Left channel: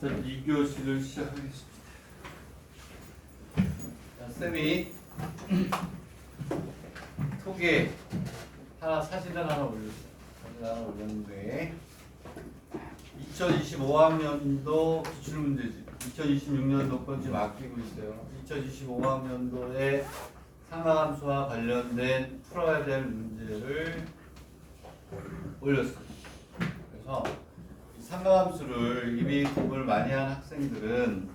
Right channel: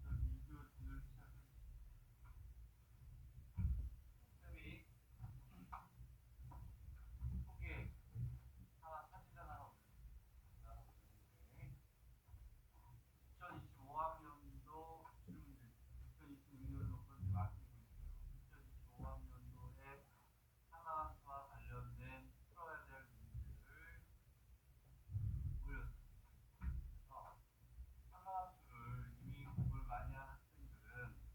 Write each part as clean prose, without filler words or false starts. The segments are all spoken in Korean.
자, 2교시를 시작하겠습니다. 자, 쌤이 톡에 사진을 하나 올렸어요. 사진을 하나 올렸는데 2025학년도 기출문제집 2026년도 건 지금 아끼고 있어요. 2025학년도에 상하함수와 관련된 풀어야 될 문제를 올렸어요. 그래서 상하함수를 이미 공부를 많이 한 학생들은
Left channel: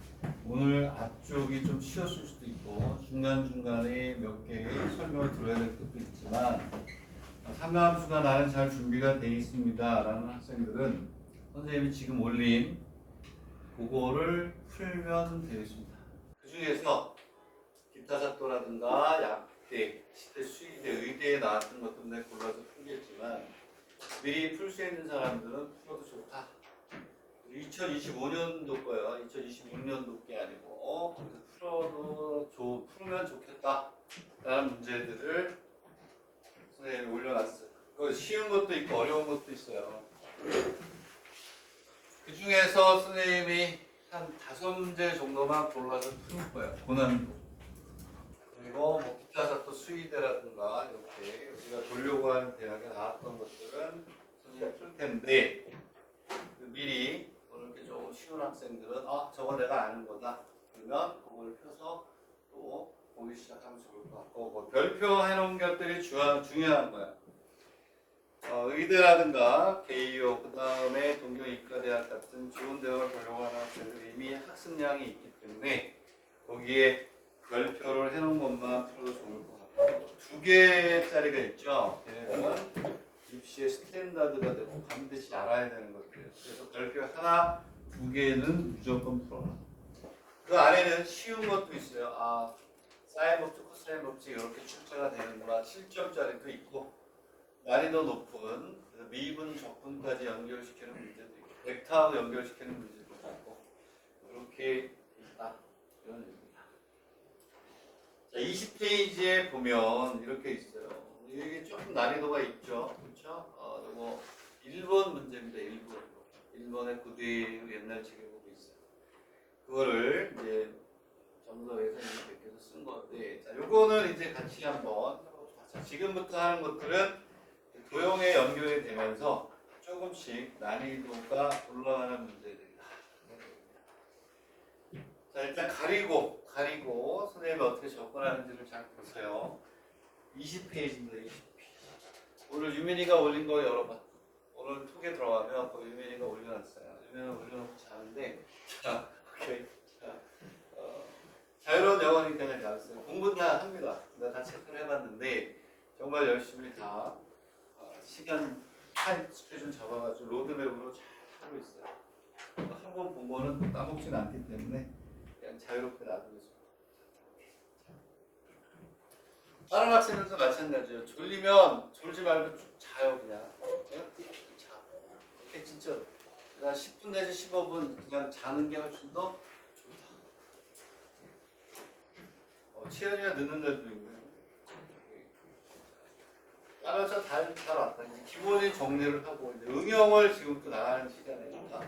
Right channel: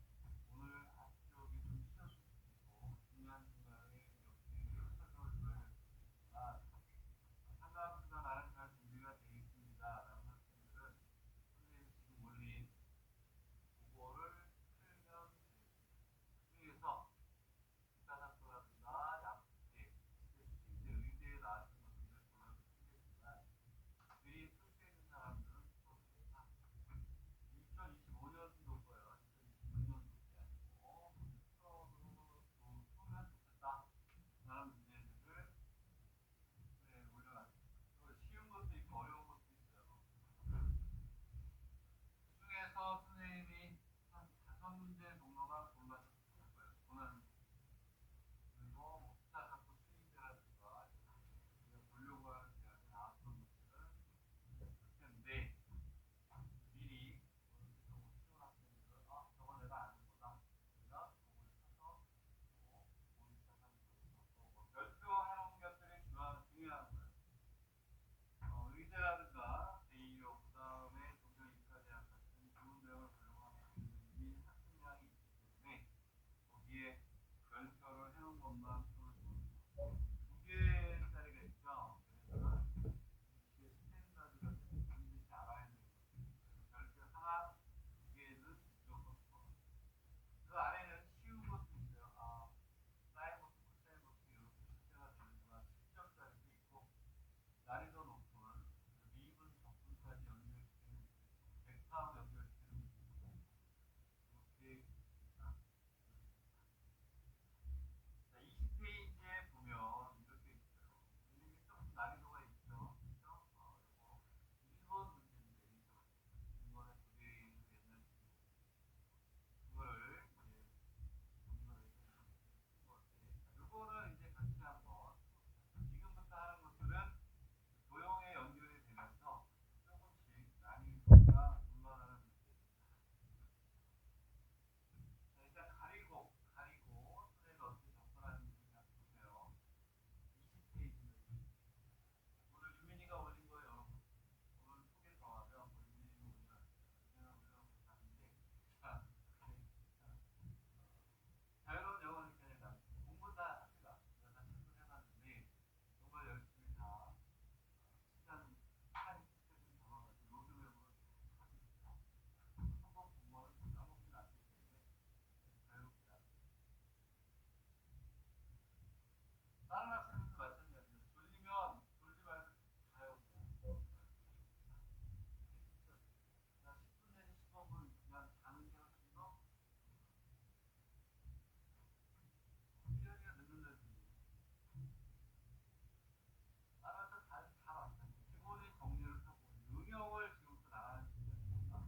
오늘 앞쪽이 좀 쉬웠을 수도 있고 중간중간에 몇 개의 설명을 들어야 될 것도 있지만 상하함수가 나는 잘 준비가 되어 있습니다 라는 학생들은 선생님이 지금 올린 그거를 풀면 되겠습니다. 그 중에서 기타사또라든가 약대, 시대, 수의대, 의대에 나왔던 것도 내가 골라서 풀겠지만 미리 풀 수 있는 사람들은 풀어도 좋다. 2025년도 거예요. 2026년도 게 아니고 풀면 좋겠다 라는 문제들을 선생님이 올려놨어요. 쉬운 것도 있고 어려운 것도 있어요. 그 중에서 선생님이 한 5문제 정도만 골라서 풀 거예요. 고난도. 그리고 뭐 기타사또 수의대라든가 이렇게 우리가 보려고 하는 대학에 나왔던 것들은 선생님이 풀 텐데 미리 이렇게 좀 쉬운 학생들은 저거 내가 아는 거다. 그러면 그걸 펴서 또 보기 시작하면 좋을 것 같고 뭐 별표 해놓은 것들이 중요한 거야. 의대라든가 개이오 그 다음에 동경이과대학 같은 좋은 대학을 보려고 하는 학생들이 이미 학습량이 있기 때문에 거기에 별표를 해놓은 것만 풀어도 좋을 것 같고 2개짜리가 있죠. 걔네들은 입시의 스탠다드가 되고 반드시 알아야 되는 것들이에요. 그래서 별표 하나, 2개는 무조건 풀어라. 그 안에는 쉬운 것도 있어요. 사인 법칙, 코사인 법칙 이렇게 출제가 되는구나. 7점짜리도 있고 난이도 높은 미분, 적분까지 연결시키는 문제도 있고 벡터하고 연결시키는 문제도 있고 그렇게 있다. 이런 얘기입니다. 자, 20페이지에 보면 이렇게 있어요. 이게 조금 난이도가 있죠. 그렇죠? 이거 1번 문제입니다. 1번의 고대의 옛날 책에 보고 있어요. 그거를 이제 정서에서 이렇게 쓴 건데 자, 요거는 이제 같이 한번 해봅시다. 지금부터 하는 것들은 도형에 연결이 되면서 조금씩 난이도가 올라가는 문제들이다. 자, 일단 가리고 선생님이 어떻게 접근하는지를 잘 보세요. 20페이지입니다. 20페이지. 오늘 유민이가 올린 거 열어봐. 오늘 톡에 들어가면 그 유민이가 올려놨어요. 유민이가 올려놓고 자는데 자, 오케이. 자유로운 영어니까 그냥 잘했어요. 공부는 다 합니다. 내가 다 체크를 해봤는데 정말 열심히 다 시간 타임 스케줄 잡아가지고 로드맵으로 잘 하고 있어요. 한 번 본 거는 까먹진 않기 때문에 그냥 자유롭게 놔두고 있습니다. 다른 학생들도 마찬가지예요. 졸리면 졸지 말고 쭉 자요 그냥. 자, 이렇게 진짜 그냥 10분 내지 15분 그냥 자는 게 훨씬 더 좋다. 치열이가 늦는 데도 있고요. 따라서 잘 왔다. 이제 기본이 정리를 하고 이제 응용을 지금부터 나가는 시간이니까.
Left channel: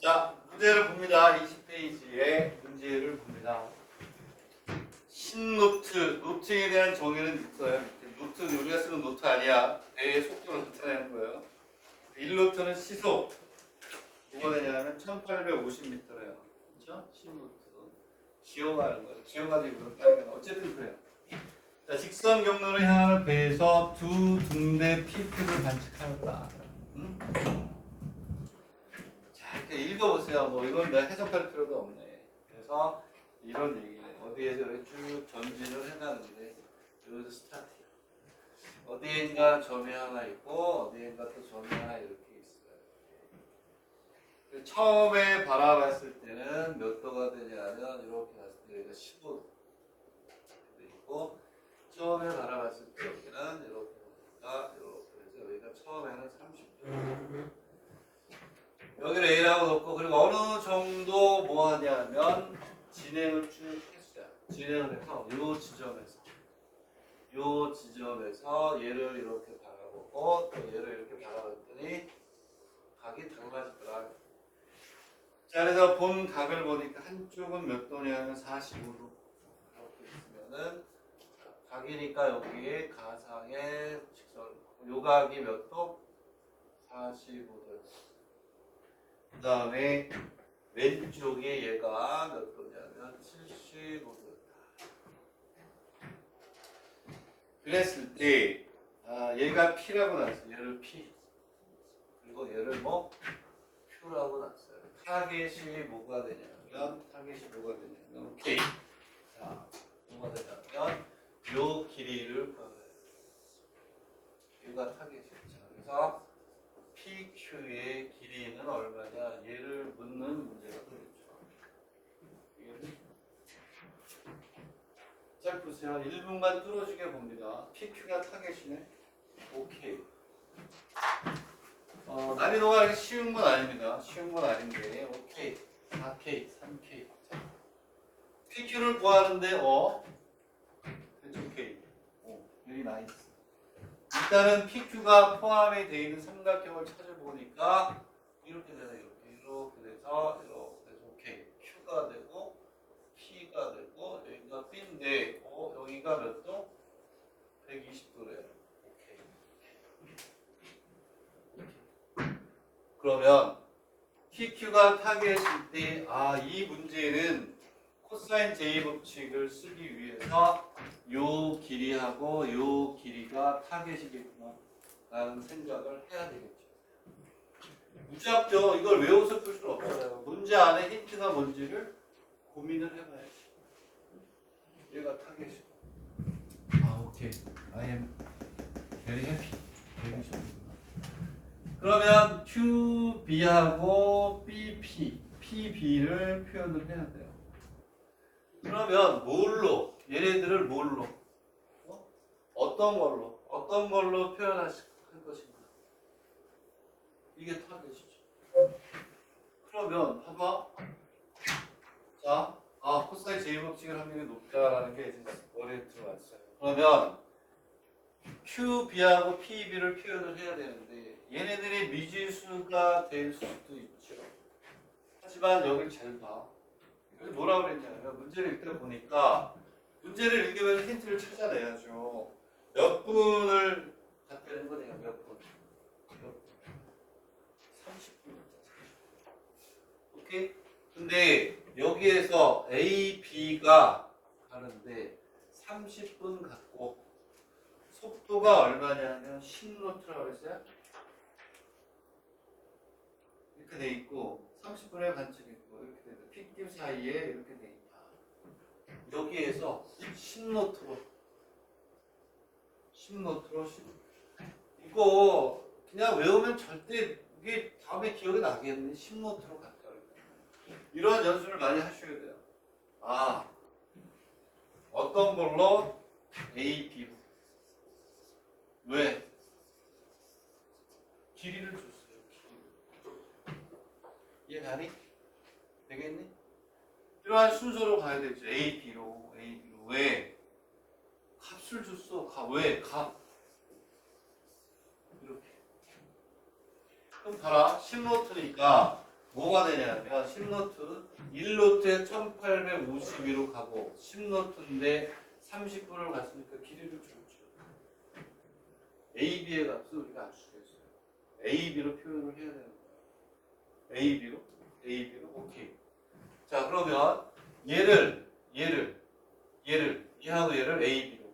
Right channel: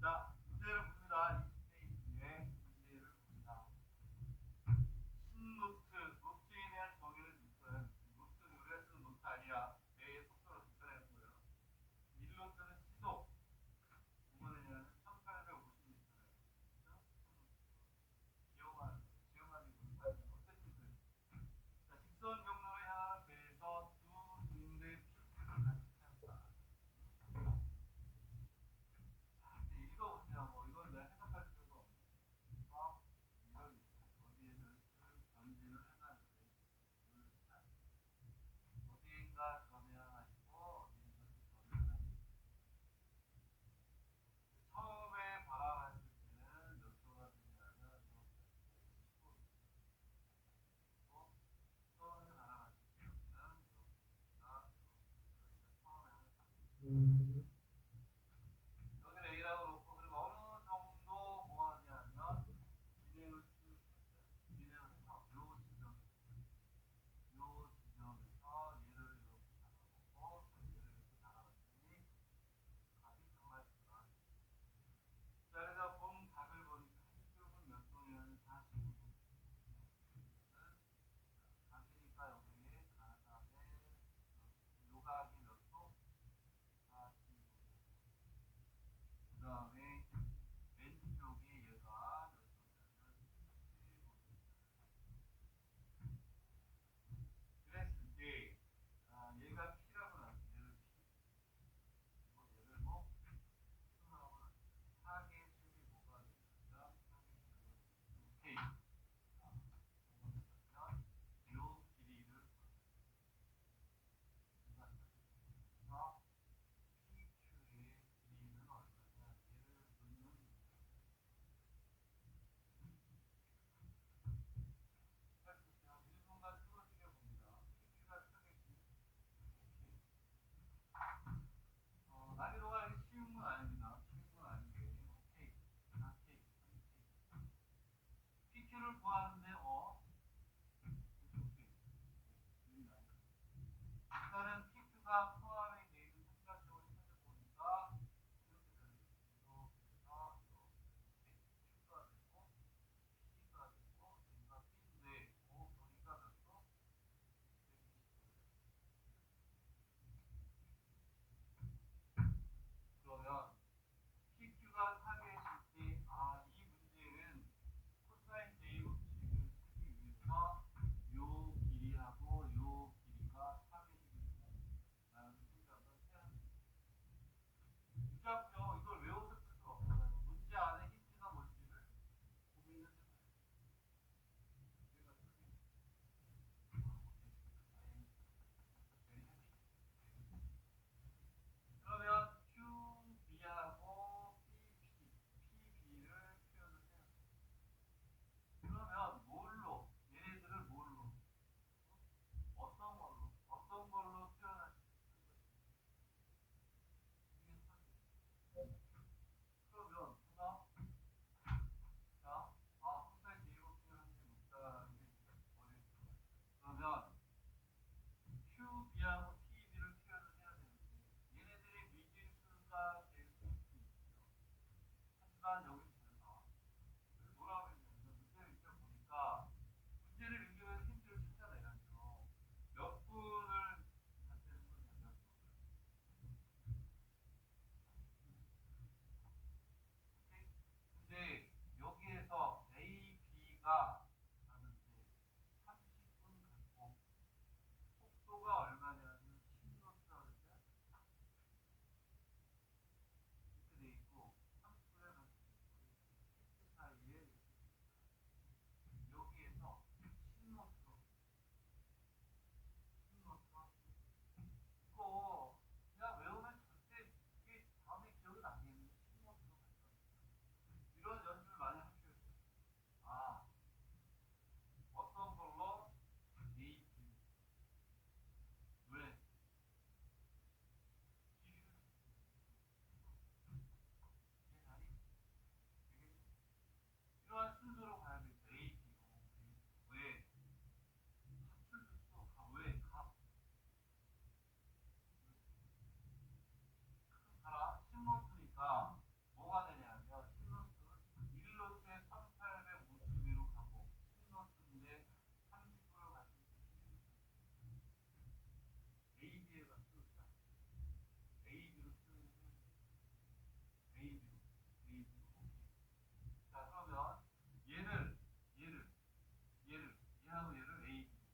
자, 문제를 봅니다. 20페이지에 문제를 봅니다. 신노트, 노트에 대한 정의는 있어요. 노트, 우리가 쓰는 노트 아니야. 배의 속도를 나타내는 거예요. 1노트는 시속. 뭐가 되냐면 1850m래요. 그렇죠? 신노트. 기어가는 거예요. 기어가지고 이렇게 하는 거 어쨌든 그래요. 자, 직선 경로를 향하는 배에서 두 등대 PP를 관측하였다. 자, 이렇게 읽어보세요. 뭐 이건 내가 해석할 필요도 없네. 그래서 이런 얘기네. 어디에서 쭉 전진을 해가는데 여기서 스타트. 어디엔가 점이 하나 있고 어디엔가 또 점이 하나 이렇게 있어요. 처음에 바라봤을 때는 몇 도가 되냐면 이렇게 봤을 때 여기가 15도 있고 처음에 바라봤을 때 여기는 이렇게 해서 여기가 처음에는 30도 여기를 A라고 놓고 그리고 어느 정도 뭐 하냐면 진행을 쭉 했어요. 진행을 해서 요 지점에서 얘를 이렇게 바라보고 또 얘를 이렇게 바라봤더니 각이 달라지더라. 이쪽은 몇 도냐면 45도. 이렇게 있으면은 각이니까 여기에 가상의 직선. 요각이 몇 도? 45도. 그 다음에 왼쪽에 얘가 몇 도냐면 75도. 그랬을 때 얘가 P라고 났어요. 얘를 P. 그리고 얘를 뭐 Q라고 났어요. 타겟이 뭐가 되냐면 K. 자, 뭐가 되냐면 요 길이를 구하면 돼요. 얘가 타겟이죠. 그래서 PQ의 길이는 얼마냐? 얘를 묻는 문제가 되겠죠. 잘 보세요. 1분만 뚫어주게 봅니다. PQ가 타겟이네. 오케이. 난이도가 이렇게 쉬운 건 아닙니다. 쉬운 건 아닌데, 오케이. 4K, 3K. PQ를 구하는데, 그쵸, K. very nice. 일단은 PQ가 포함이 되어 있는 삼각형을 찾아보니까, 이렇게 되네요. 이렇게 돼서, 오케이. Q가 되고, P가 되고, 여기가 B인데, 여기가 몇 도? 120도래요. 그러면 PQ가 타겟일 때, 이 문제는 코사인 J 법칙을 쓰기 위해서 요 길이하고 요 길이가 타겟이겠구나 라는 생각을 해야 되겠죠. 무지하죠. 이걸 외워서 풀 수는 없잖아요. 문제 안에 힌트가 뭔지를 고민을 해봐야지. 얘가 타겟이고. 오케이. I am very happy. 그러면 QB하고 BP, PB를 표현을 해야 돼요. 그러면 뭘로? 얘네들을 뭘로? 어떤 걸로 표현할 것인가? 이게 타겟이죠. 그러면 봐봐. 자, 코사인 J 법칙을 합력이 높다라는 게 이제 머리에 들어왔어요. 그러면 QB하고 PB를 표현을 해야 되는데 얘네들이 미지수가 될 수도 있죠. 하지만 여길 잘 봐. 여기 뭐라 그랬냐면 문제를 읽다 보니까 문제를 읽으면서 힌트를 찾아내야죠. 몇 분을 갖다는 거네요. 몇 분? 30분. 오케이? 근데 여기에서 A, B가 가는데 30분 갖고 속도가 얼마냐면 10노트라고 했어요. 이렇게 돼 있고 30분의 관측이 있고 이렇게 돼 있고 픽김 사이에 이렇게 돼 있다. 여기에서 10노트로 이거 그냥 외우면 절대 이게 다음에 기억이 나겠네. 10노트로 갔다. 이런 연습을 많이 하셔야 돼요. 어떤 걸로 A, B 왜? 길이를 줬어요. 이해가니? 되겠니? 이러한 순서로 가야 되죠. A, B로. 왜? 값을 줬어. 왜? 값. 이렇게. 그럼 봐라. 10노트니까 뭐가 되냐면 10노트 1노트에 1852로 가고 10노트인데 30분을 갔으니까 길이를 줬죠. A, B의 값을 우리가 압수했어요. A, B로 표현을 해야 되는 거예요. A, B로? 오케이. 자, 그러면 얘하고 얘를 A, B로.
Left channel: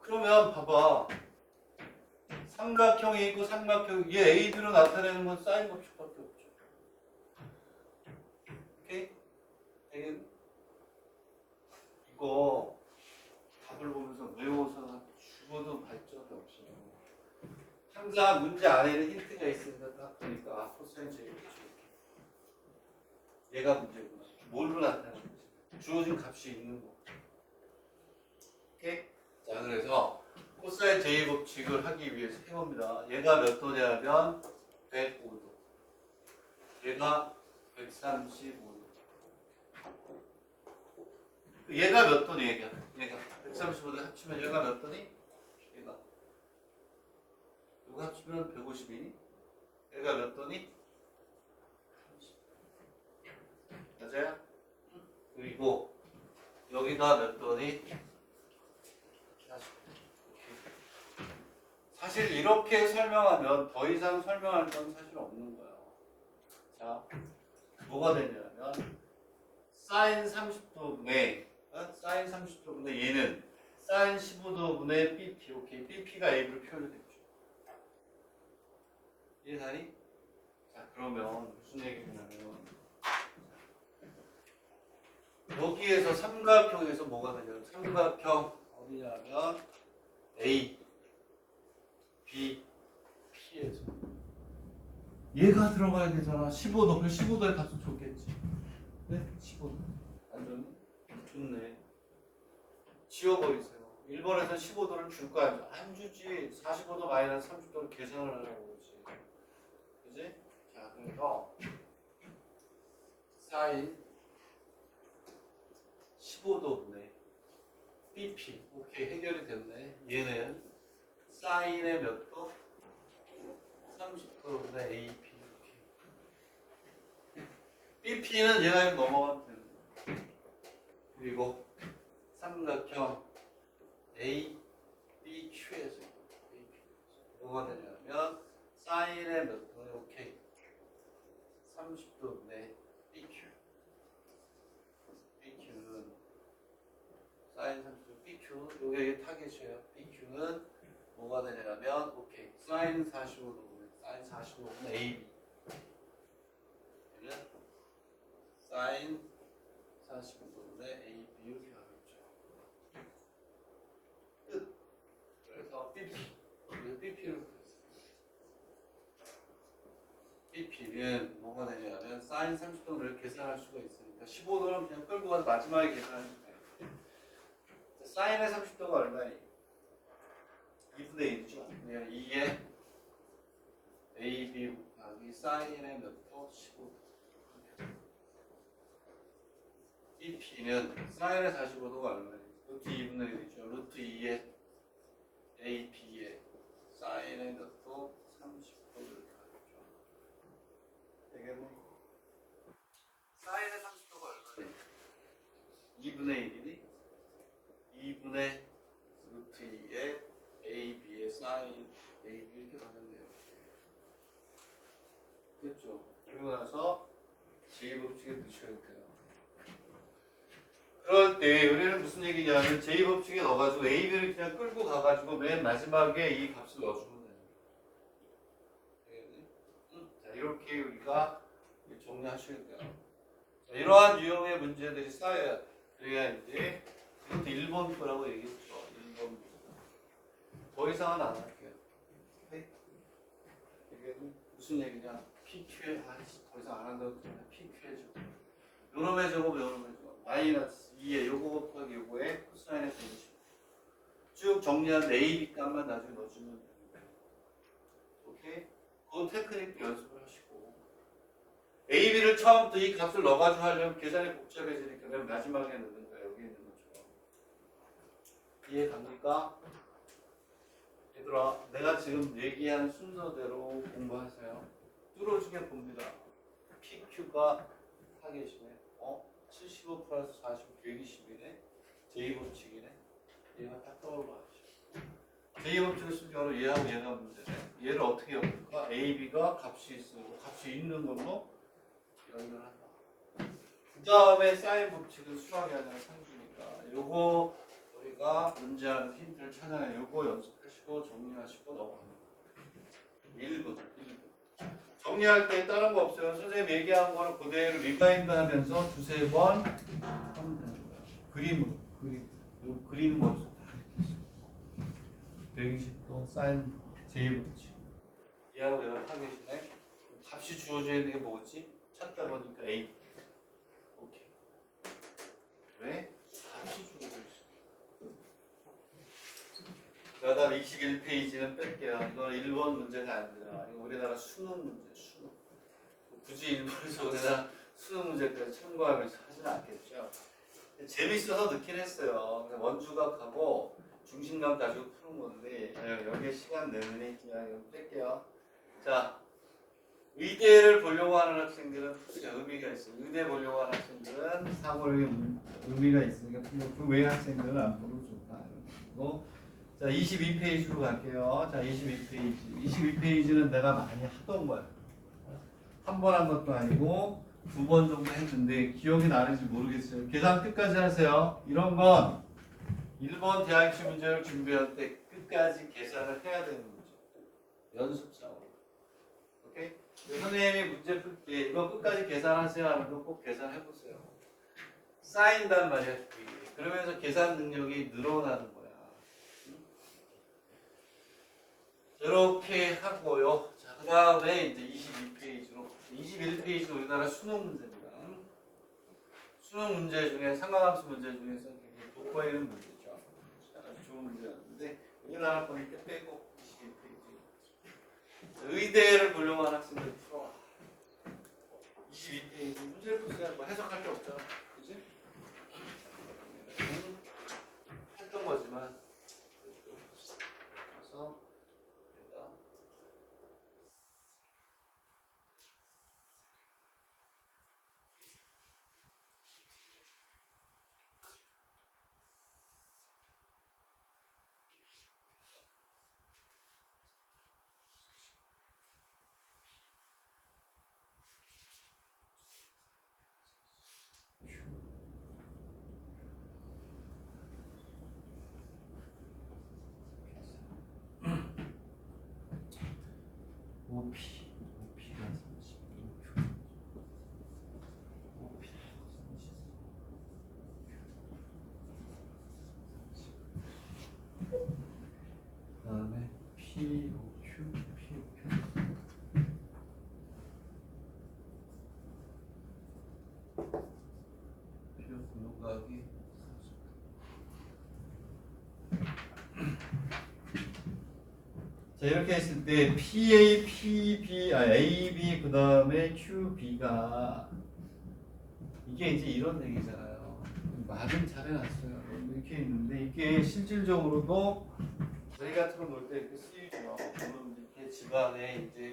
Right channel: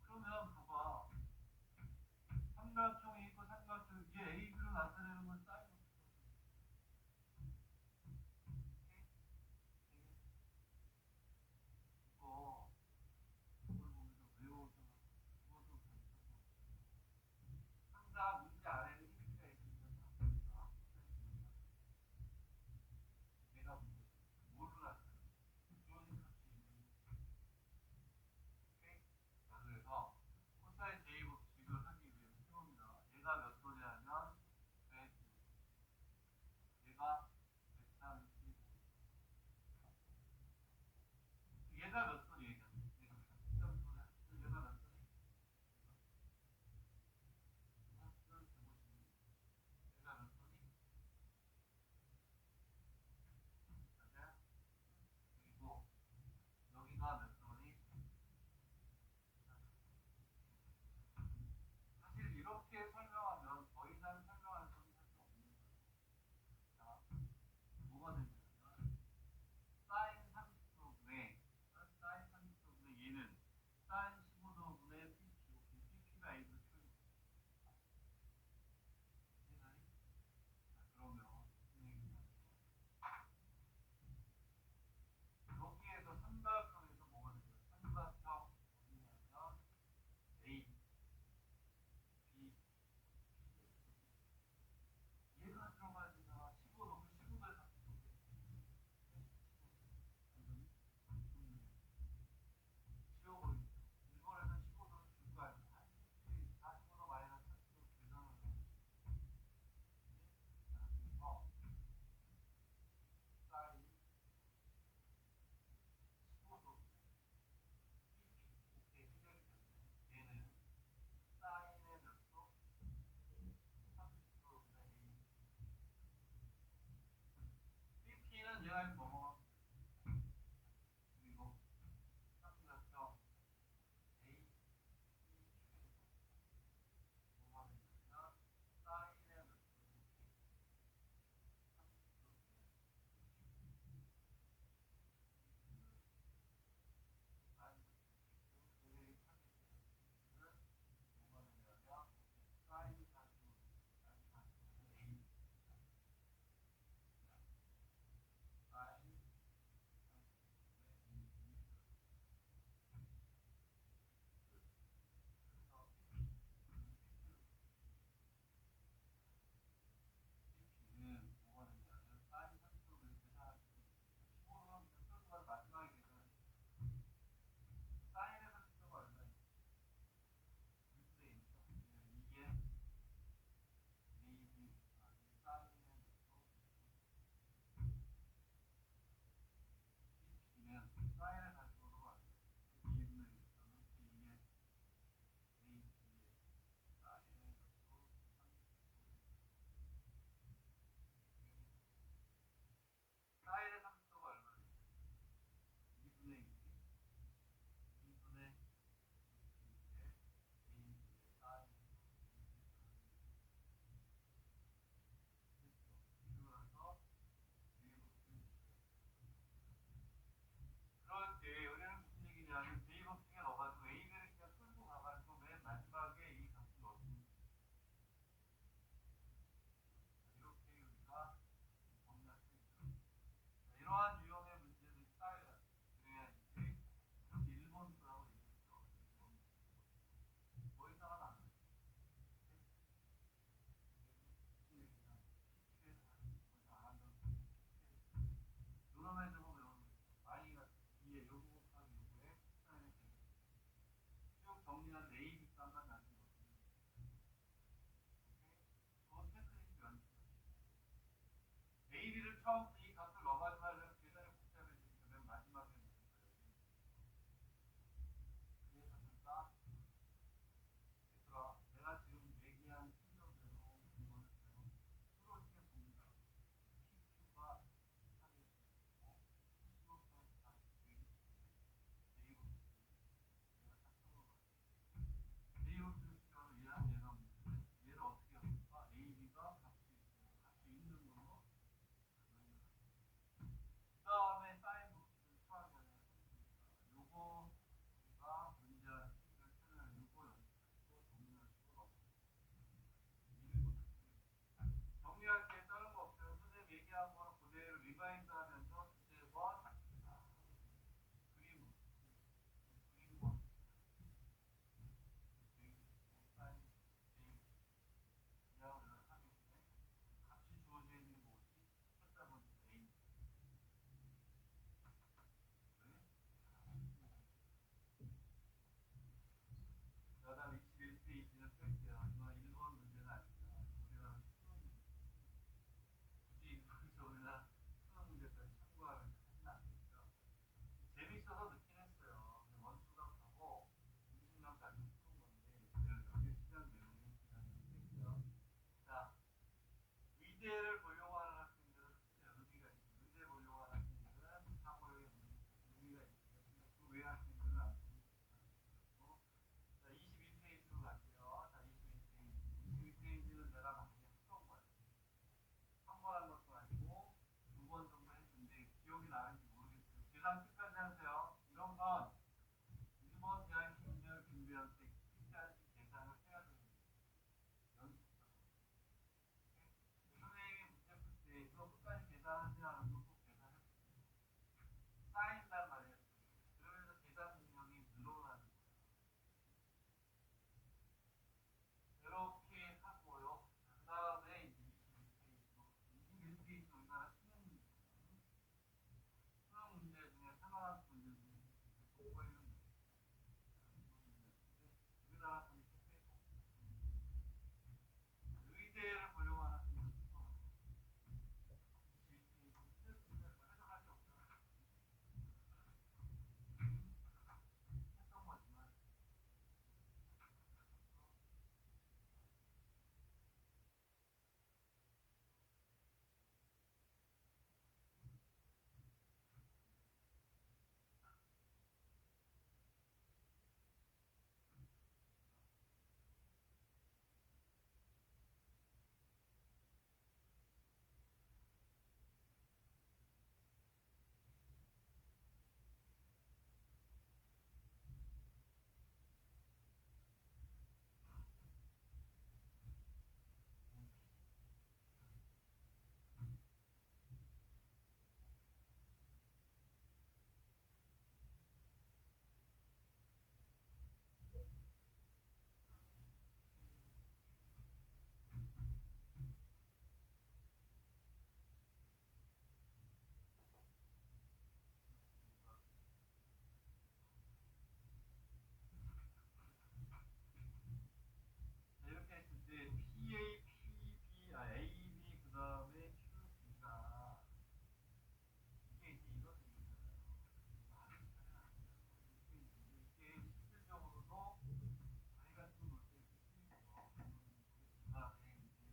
그러면 봐봐. 삼각형이 있고 얘 A, B로 나타내는 건 사인 법칙밖에 없죠. 오케이? 이거 답을 보면서 외워서 죽어도 발전이 없어요. 항상 문제 안에는 힌트가 있으니까 딱 보니까 코사인 제일 얘가 문제구나. 뭘로 나타나는 거지? 주어진 값이 있는 거. 오케이? 자, 그래서 코사인 J 법칙을 하기 위해서 해봅니다. 얘가 몇 도냐면 105도. 얘가 135도. 얘가 몇 도니? 얘가 135도 합치면 얘가 몇 도니? 얘가 이거 합치면 150이니? 얘가 몇 도니? 맞아요? 얘가 몇 도니? 40도. 사실 이렇게 설명하면 더 이상 설명할 건 사실 없는 거예요. 자, 뭐가 되냐면 사인 30도분의 사인 30도분의 얘는 사인 15도분의 BP. 오케이. BP가 A로 표현됐죠. 이해하니? 자, 그러면 무슨 얘기냐면 여기에서 삼각형에서 뭐가 되냐면 삼각형 어디냐면 A, B, P에서 얘가 들어가야 되잖아. 15도. 그 15도의 값은 좋겠지. 네? 15도. 완전히 좋네. 지워버리세요. 1번에서 15도를 줄 거 아니야. 안 주지. 45도 마이너스 30도를 계산을 하라고 그러지. 그지? 자, 그래서 사인 15도분의 BP. 오케이, 해결이 됐네. 얘는 사인의 몇 도? 30도분의 AP. BP는 얘가 넘어가면 되는 거야. 그리고 삼각형 A, B, Q에서 뭐가 되냐면 사인의 몇 도는 오케이 30도분의 BQ. BQ는 사인 30도 BQ. 요게 타겟이에요. BQ는 뭐가 되냐면 오케이 사인 45도분의 사인 45도분의 AB. 얘는 사인 45도분의 AB 이렇게 하겠죠. 끝. 그래서 BP. 그래서 BP를 BP는 뭐가 되냐면 사인 30도를 계산할 수가 있으니까 15도는 그냥 끌고 가서 마지막에 계산하면 돼요. 사인의 30도가 얼마니? 2분의 1이죠. 그냥 2에 AB 곱하기 사인의 몇 도? 15도. BP는 사인의 45도가 얼마니? 루트 2분의 1이죠. 루트 2에 AB에 사인의 몇 도? 30도를 하겠죠. 되겠네. 사인의 30도가 얼마니? 2분의 1이니? 2분의 루트 2에 AB의 사인 AB 이렇게 가겠네요. 됐죠? 그리고 나서 제2법칙에 넣으셔야 돼요. 그럴 때 우리는 무슨 얘기냐면 제2법칙에 넣어가지고 AB를 그냥 끌고 가가지고 맨 마지막에 이 값을 넣어주면 돼요. 자, 이렇게 우리가 정리하셔야 돼요. 자, 이러한 유형의 문제들이 쌓여야 그래야 이제 이것도 1번 거라고 얘기했죠. 1번. 더 이상은 안 할게요. 네? 이게 무슨 얘기냐? PQ에 더 이상 안 한다고 그러면 PQ에 줘. 요놈의 제곱, 요놈의 제곱. 마이너스 2에 요거 곱하기 요거에 코사인의 120. 쭉 정리한 AB 값만 나중에 넣어주면 됩니다. 오케이? 그 테크닉도 연습을 하시고. AB를 처음부터 이 값을 넣어가지고 하려면 계산이 복잡해지니까 맨 마지막에 넣는 거예요. 여기 있는 것처럼. 이해 갑니까? 얘들아, 내가 지금 얘기한 순서대로 공부하세요. 뚫어주게 봅니다. PQ가 타겟이네. 75 플러스 40, 120이네. 제2법칙이네. 얘가 딱 떠올라야지. 제2법칙을 쓴 경우는 얘하고 얘가 문제네. 얘를 어떻게 엮을까? AB가 값이 있고 값이 있는 걸로 연결한다. 그 다음에 사인 법칙은 수학이 아니라 상수니까 요거 우리가 문제하는 힌트를 찾아내. 요거 연습하시고 정리하시고 넘어갑니다. 1분. 정리할 때 다른 거 없어요. 선생님 얘기한 거를 그대로 리마인드 하면서 두세 번 하면 되는 거예요. 그림으로. 요 그림 먼저 다 이렇게 120도 사인 제2법칙. 얘하고 얘가 타겟이네. 값이 주어져 있는 게 뭐지? 찾다 보니까 A. 오케이. 왜? 값이 주어져 있어. 그 다음 21페이지는 뺄게요. 이건 1번 문제가 아니라 이거 우리나라 수능 문제. 굳이 일본에서 우리나라 수능 문제까지 참고하면서 하진 않겠죠. 재밌어서 넣긴 했어요. 원주각하고 중심감 가지고 푸는 건데 여기에 시간 내느니 그냥 이거 뺄게요. 자, 의대를 보려고 하는 학생들은 푸세요. 의미가 있어요. 의대 보려고 하는 학생들은 사고력의 의미가 있으니까 그 외 학생들은 안 보도 좋다. 그리고 자 22페이지로 갈게요. 자 22페이지. 22페이지는 내가 많이 하던 거야. 한 번 한 것도 아니고 2번 정도 했는데 기억이 나는지 모르겠어요. 계산 끝까지 하세요. 이런 건 1번 대학시 문제를 준비할 때 끝까지 계산을 해야 되는 문제. 연습상으로. 오케이? 선생님이 문제 풀 때 이거 끝까지 계산하세요 하는 거 꼭 계산해보세요. 쌓인단 말이야. 그러면서 계산 능력이 늘어나는 거야. 이렇게 하고요. 자, 그 다음에 이제 22페이지로 21페이지 우리나라 수능 문제입니다. 수능 문제 중에 상관함수 문제 중에서 굉장히 돋보이는 문제죠. 아주 좋은 문제였는데 우리나라 거니까 빼고 22페이지. 의대를 보려고 하는 학생들 풀어. 22페이지 문제를 풀어야 뭐 해석할 게 없잖아. 그지? 했던 거지만 그래서 오피가 36. 그다음에 POQ, POQ 분모가기 자 이렇게 했을 때 PA, PB, AB 그 다음에 QB가 이게 이제 이런 얘기잖아요. 말은 잘 해놨어요. 이렇게 있는데 이게 실질적으로도 저희 같은 거 놀 때 이렇게 쓰이죠. 물론 이렇게 집안에 이제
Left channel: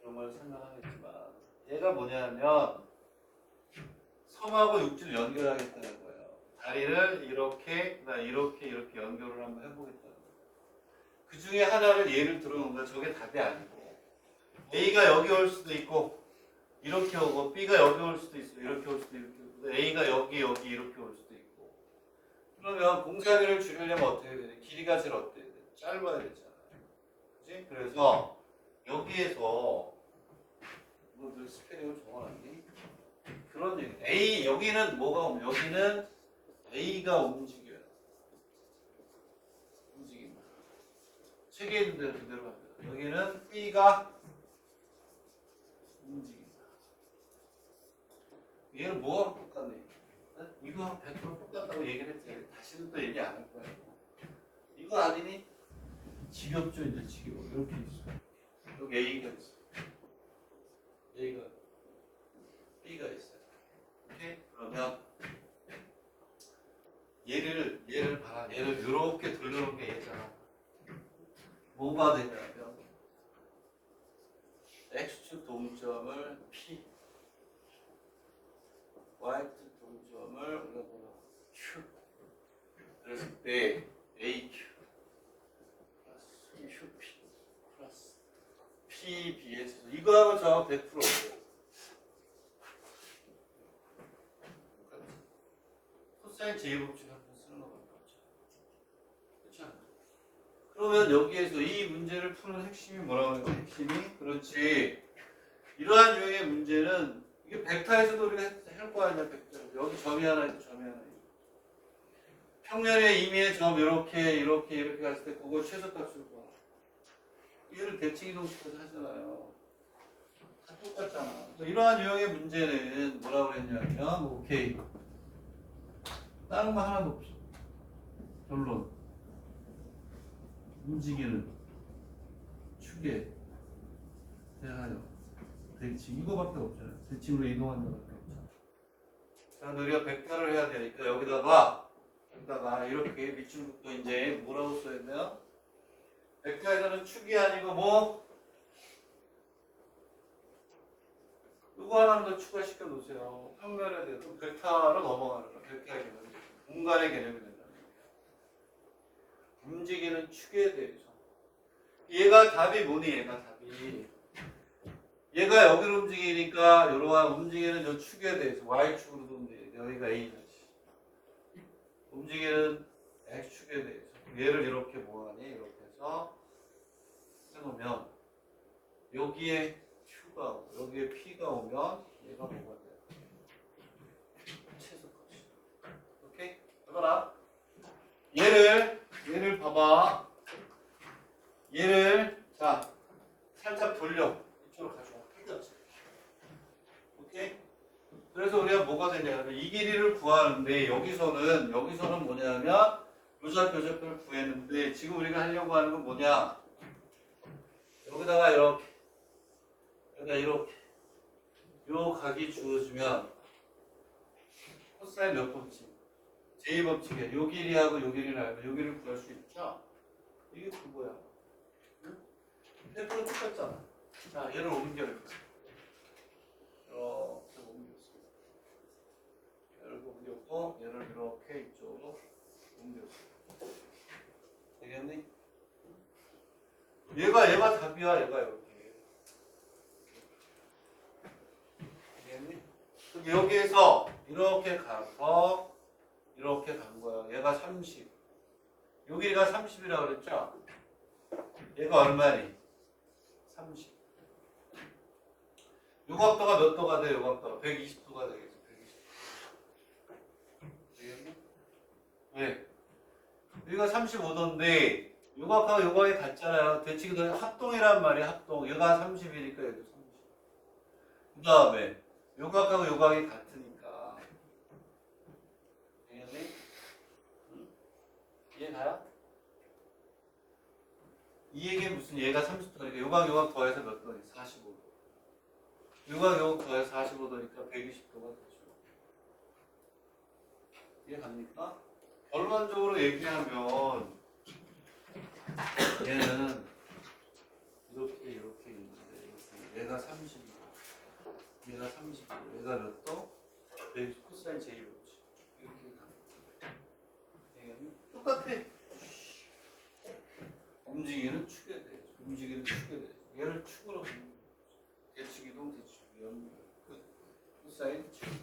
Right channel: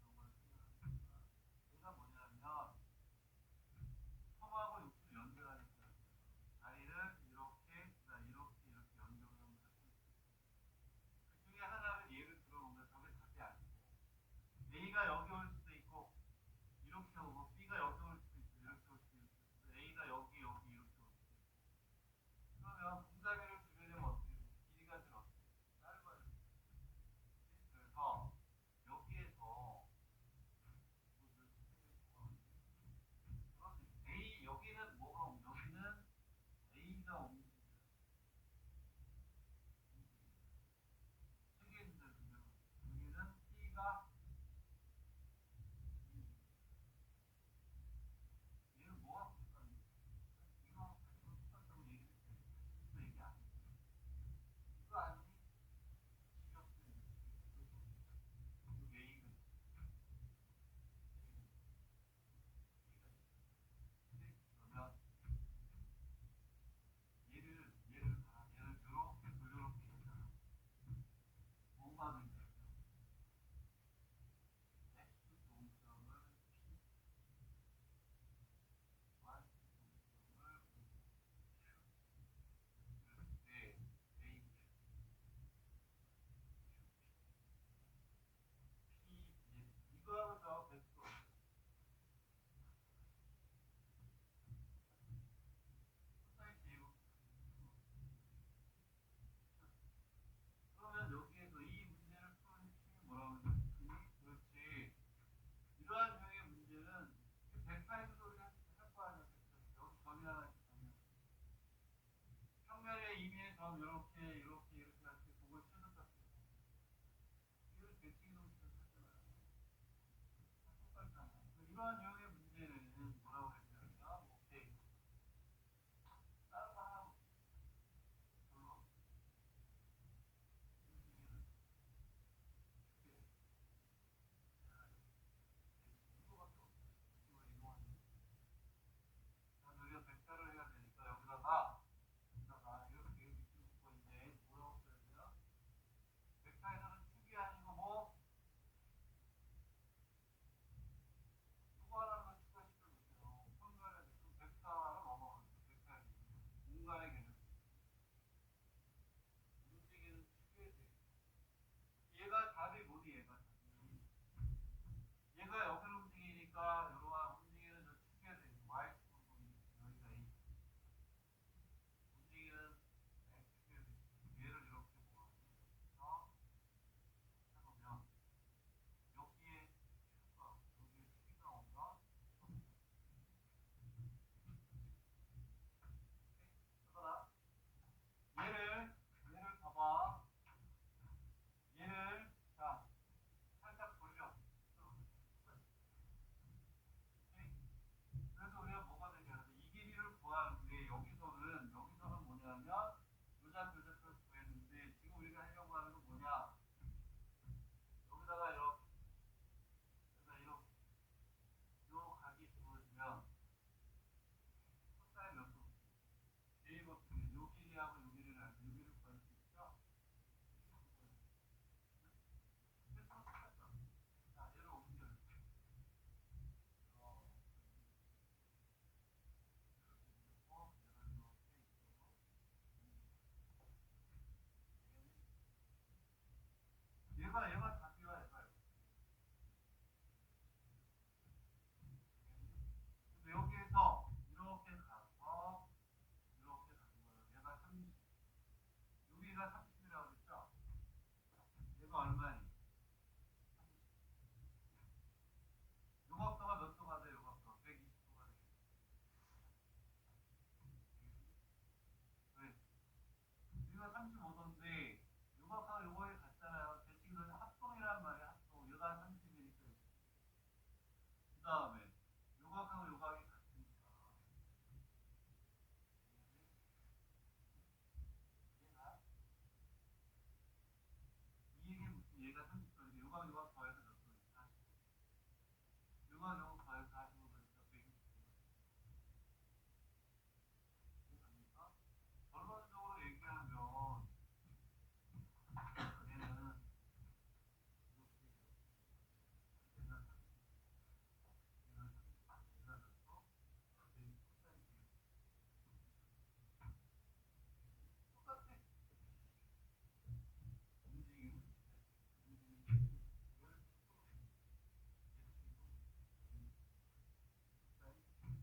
그런 걸 생각하겠지만 얘가 뭐냐면 섬하고 육지를 연결하겠다는 거예요. 다리를 이렇게 이렇게 연결을 한번 해보겠다는 거예요. 그 중에 하나를 예를 들어놓은 거야. 저게 답이 아니고 A가 여기 올 수도 있고 이렇게 오고 B가 여기 올 수도 있어. 이렇게 올 수도 있고 A가 여기 이렇게 올 수도 있고 그러면 공사비를 줄이려면 어떻게 해야 되냐? 길이가 제일 어때야 돼? 짧아야 되잖아요. 그치? 그래서 여기에서 늘 스페링을 적어놨니? 그런 얘기. A 여기는 뭐가 오면 여기는 A가 움직여요. 움직입니다. 책에 있는 대로 그대로 합니다. 여기는 B가 움직입니다. 얘는 뭐가 똑같네? 이거 100% 똑같다고 얘기를 했지. 다시는 또 얘기 안 할 거예요. 이거 아니니? 지겹죠 이제 지겨워. 이렇게 있어. 여기 A가 있어. A가 B가 있어요. 오케이? 그러면 얘를 봐라. 얘를 이렇게 돌려놓은 게 얘잖아. 뭐가 되냐면 X축 동점을 P, Y축 동점을 우리가 뭐라 Q. 그랬을 때 AQ 플러스 QP 플러스 PBS 이거하고 저하고 100%예요. 코사인 제곱축 한번 쓰는 거밖에 없죠. 그렇죠? 그러면 여기에서 이 문제를 푸는 핵심이 뭐라고 해요? 핵심이 그렇지. 이러한 유형의 문제는 이게 벡터에서도 우리가 할 거 아니야. 벡터. 여기 점이 하나 있고 점이 하나 있고. 평면의 임의의 점 이렇게 갔을 때 그거 최소값을 봐. 얘를 대칭 이동시켜서 하잖아요. 다 똑같잖아. 이러한 유형의 문제는 뭐라고 했냐면 오케이. 다른 거 하나도 없어. 결론. 움직이는 축에 대하여 대칭 이거밖에 없잖아요. 대칭으로 이동하는 것밖에 없잖아요. 자, 우리가 벡터를 해야 되니까 여기다가 이렇게 밑줄부터 이제 뭐라고 써야 돼요? 벡터에서는 축이 아니고 뭐? 이거 하나만 더 추가시켜 놓으세요. 평면에 대해서 벡터로 넘어가는 거예요. 벡터에 대해서. 공간의 개념이 된다는 거예요. 움직이는 축에 대해서. 얘가 답이 뭐니? 얘가 답이. 얘가 여기로 움직이니까 이러한 움직이는 저 축에 대해서 Y축으로도 움직여. 여기가 A잖아. 움직이는 X축에 대해서 얘를 이렇게 뭐하니? 이렇게 해서 해놓으면 여기에 Q가 오고 여기에 P가 오면 얘가 뭐가 돼요? 최소값이. 오케이? 해봐라. 얘를 봐봐. 얘를 자 살짝 돌려. 이쪽으로 가져와. 오케이? 그래서 우리가 뭐가 되냐면 이 길이를 구하는데 여기서는 뭐냐면 요좌표를 구했는데 지금 우리가 하려고 하는 건 뭐냐? 여기다가 이렇게 요 각이 주어지면 코사인 몇 법칙? 제2법칙에 요 길이하고 요 길이를 알면 요 길이를 구할 수 있죠? 이게 그거야. 패턴은 똑같잖아. 자, 얘를 옮겨 이렇게 옮겼습니다. 얘를 옮겼고 얘를 이렇게 이쪽으로 옮겼어. 되겠니? 얘가 답이야. 얘가 이렇게. 되겠니? 여기에서 이렇게 가서 이렇게 간 거야. 얘가 30. 여기가 30이라고 그랬죠? 얘가 얼마니? 30. 요 각도가 몇 도가 돼? 요 각도가 120도가 되겠어. 120도. 되겠니? 왜? 여기가 35도인데 요 각하고 요 각이 같잖아요. 대칭도 합동이란 말이야. 합동. 얘가 30이니까 얘도 30. 그 다음에 요 각하고 요 각이 같으니까. 되겠니? 응? 이해가요? 이 얘기는 무슨 얘가 30도니까 요각 더해서 몇 도니? 45도. 요각 더해서 45도니까 120도가 되죠. 이해갑니까? 결론적으로 얘기하면 얘는 이렇게 있는데 얘가 30도, 얘가 30도, 얘가 몇 도? 120 코사인 제이로지. 이렇게 가는 똑같아. 움직이는 축에 대해서. 얘를 축으로 대축이동, 대축이동, 코사인 제이로지.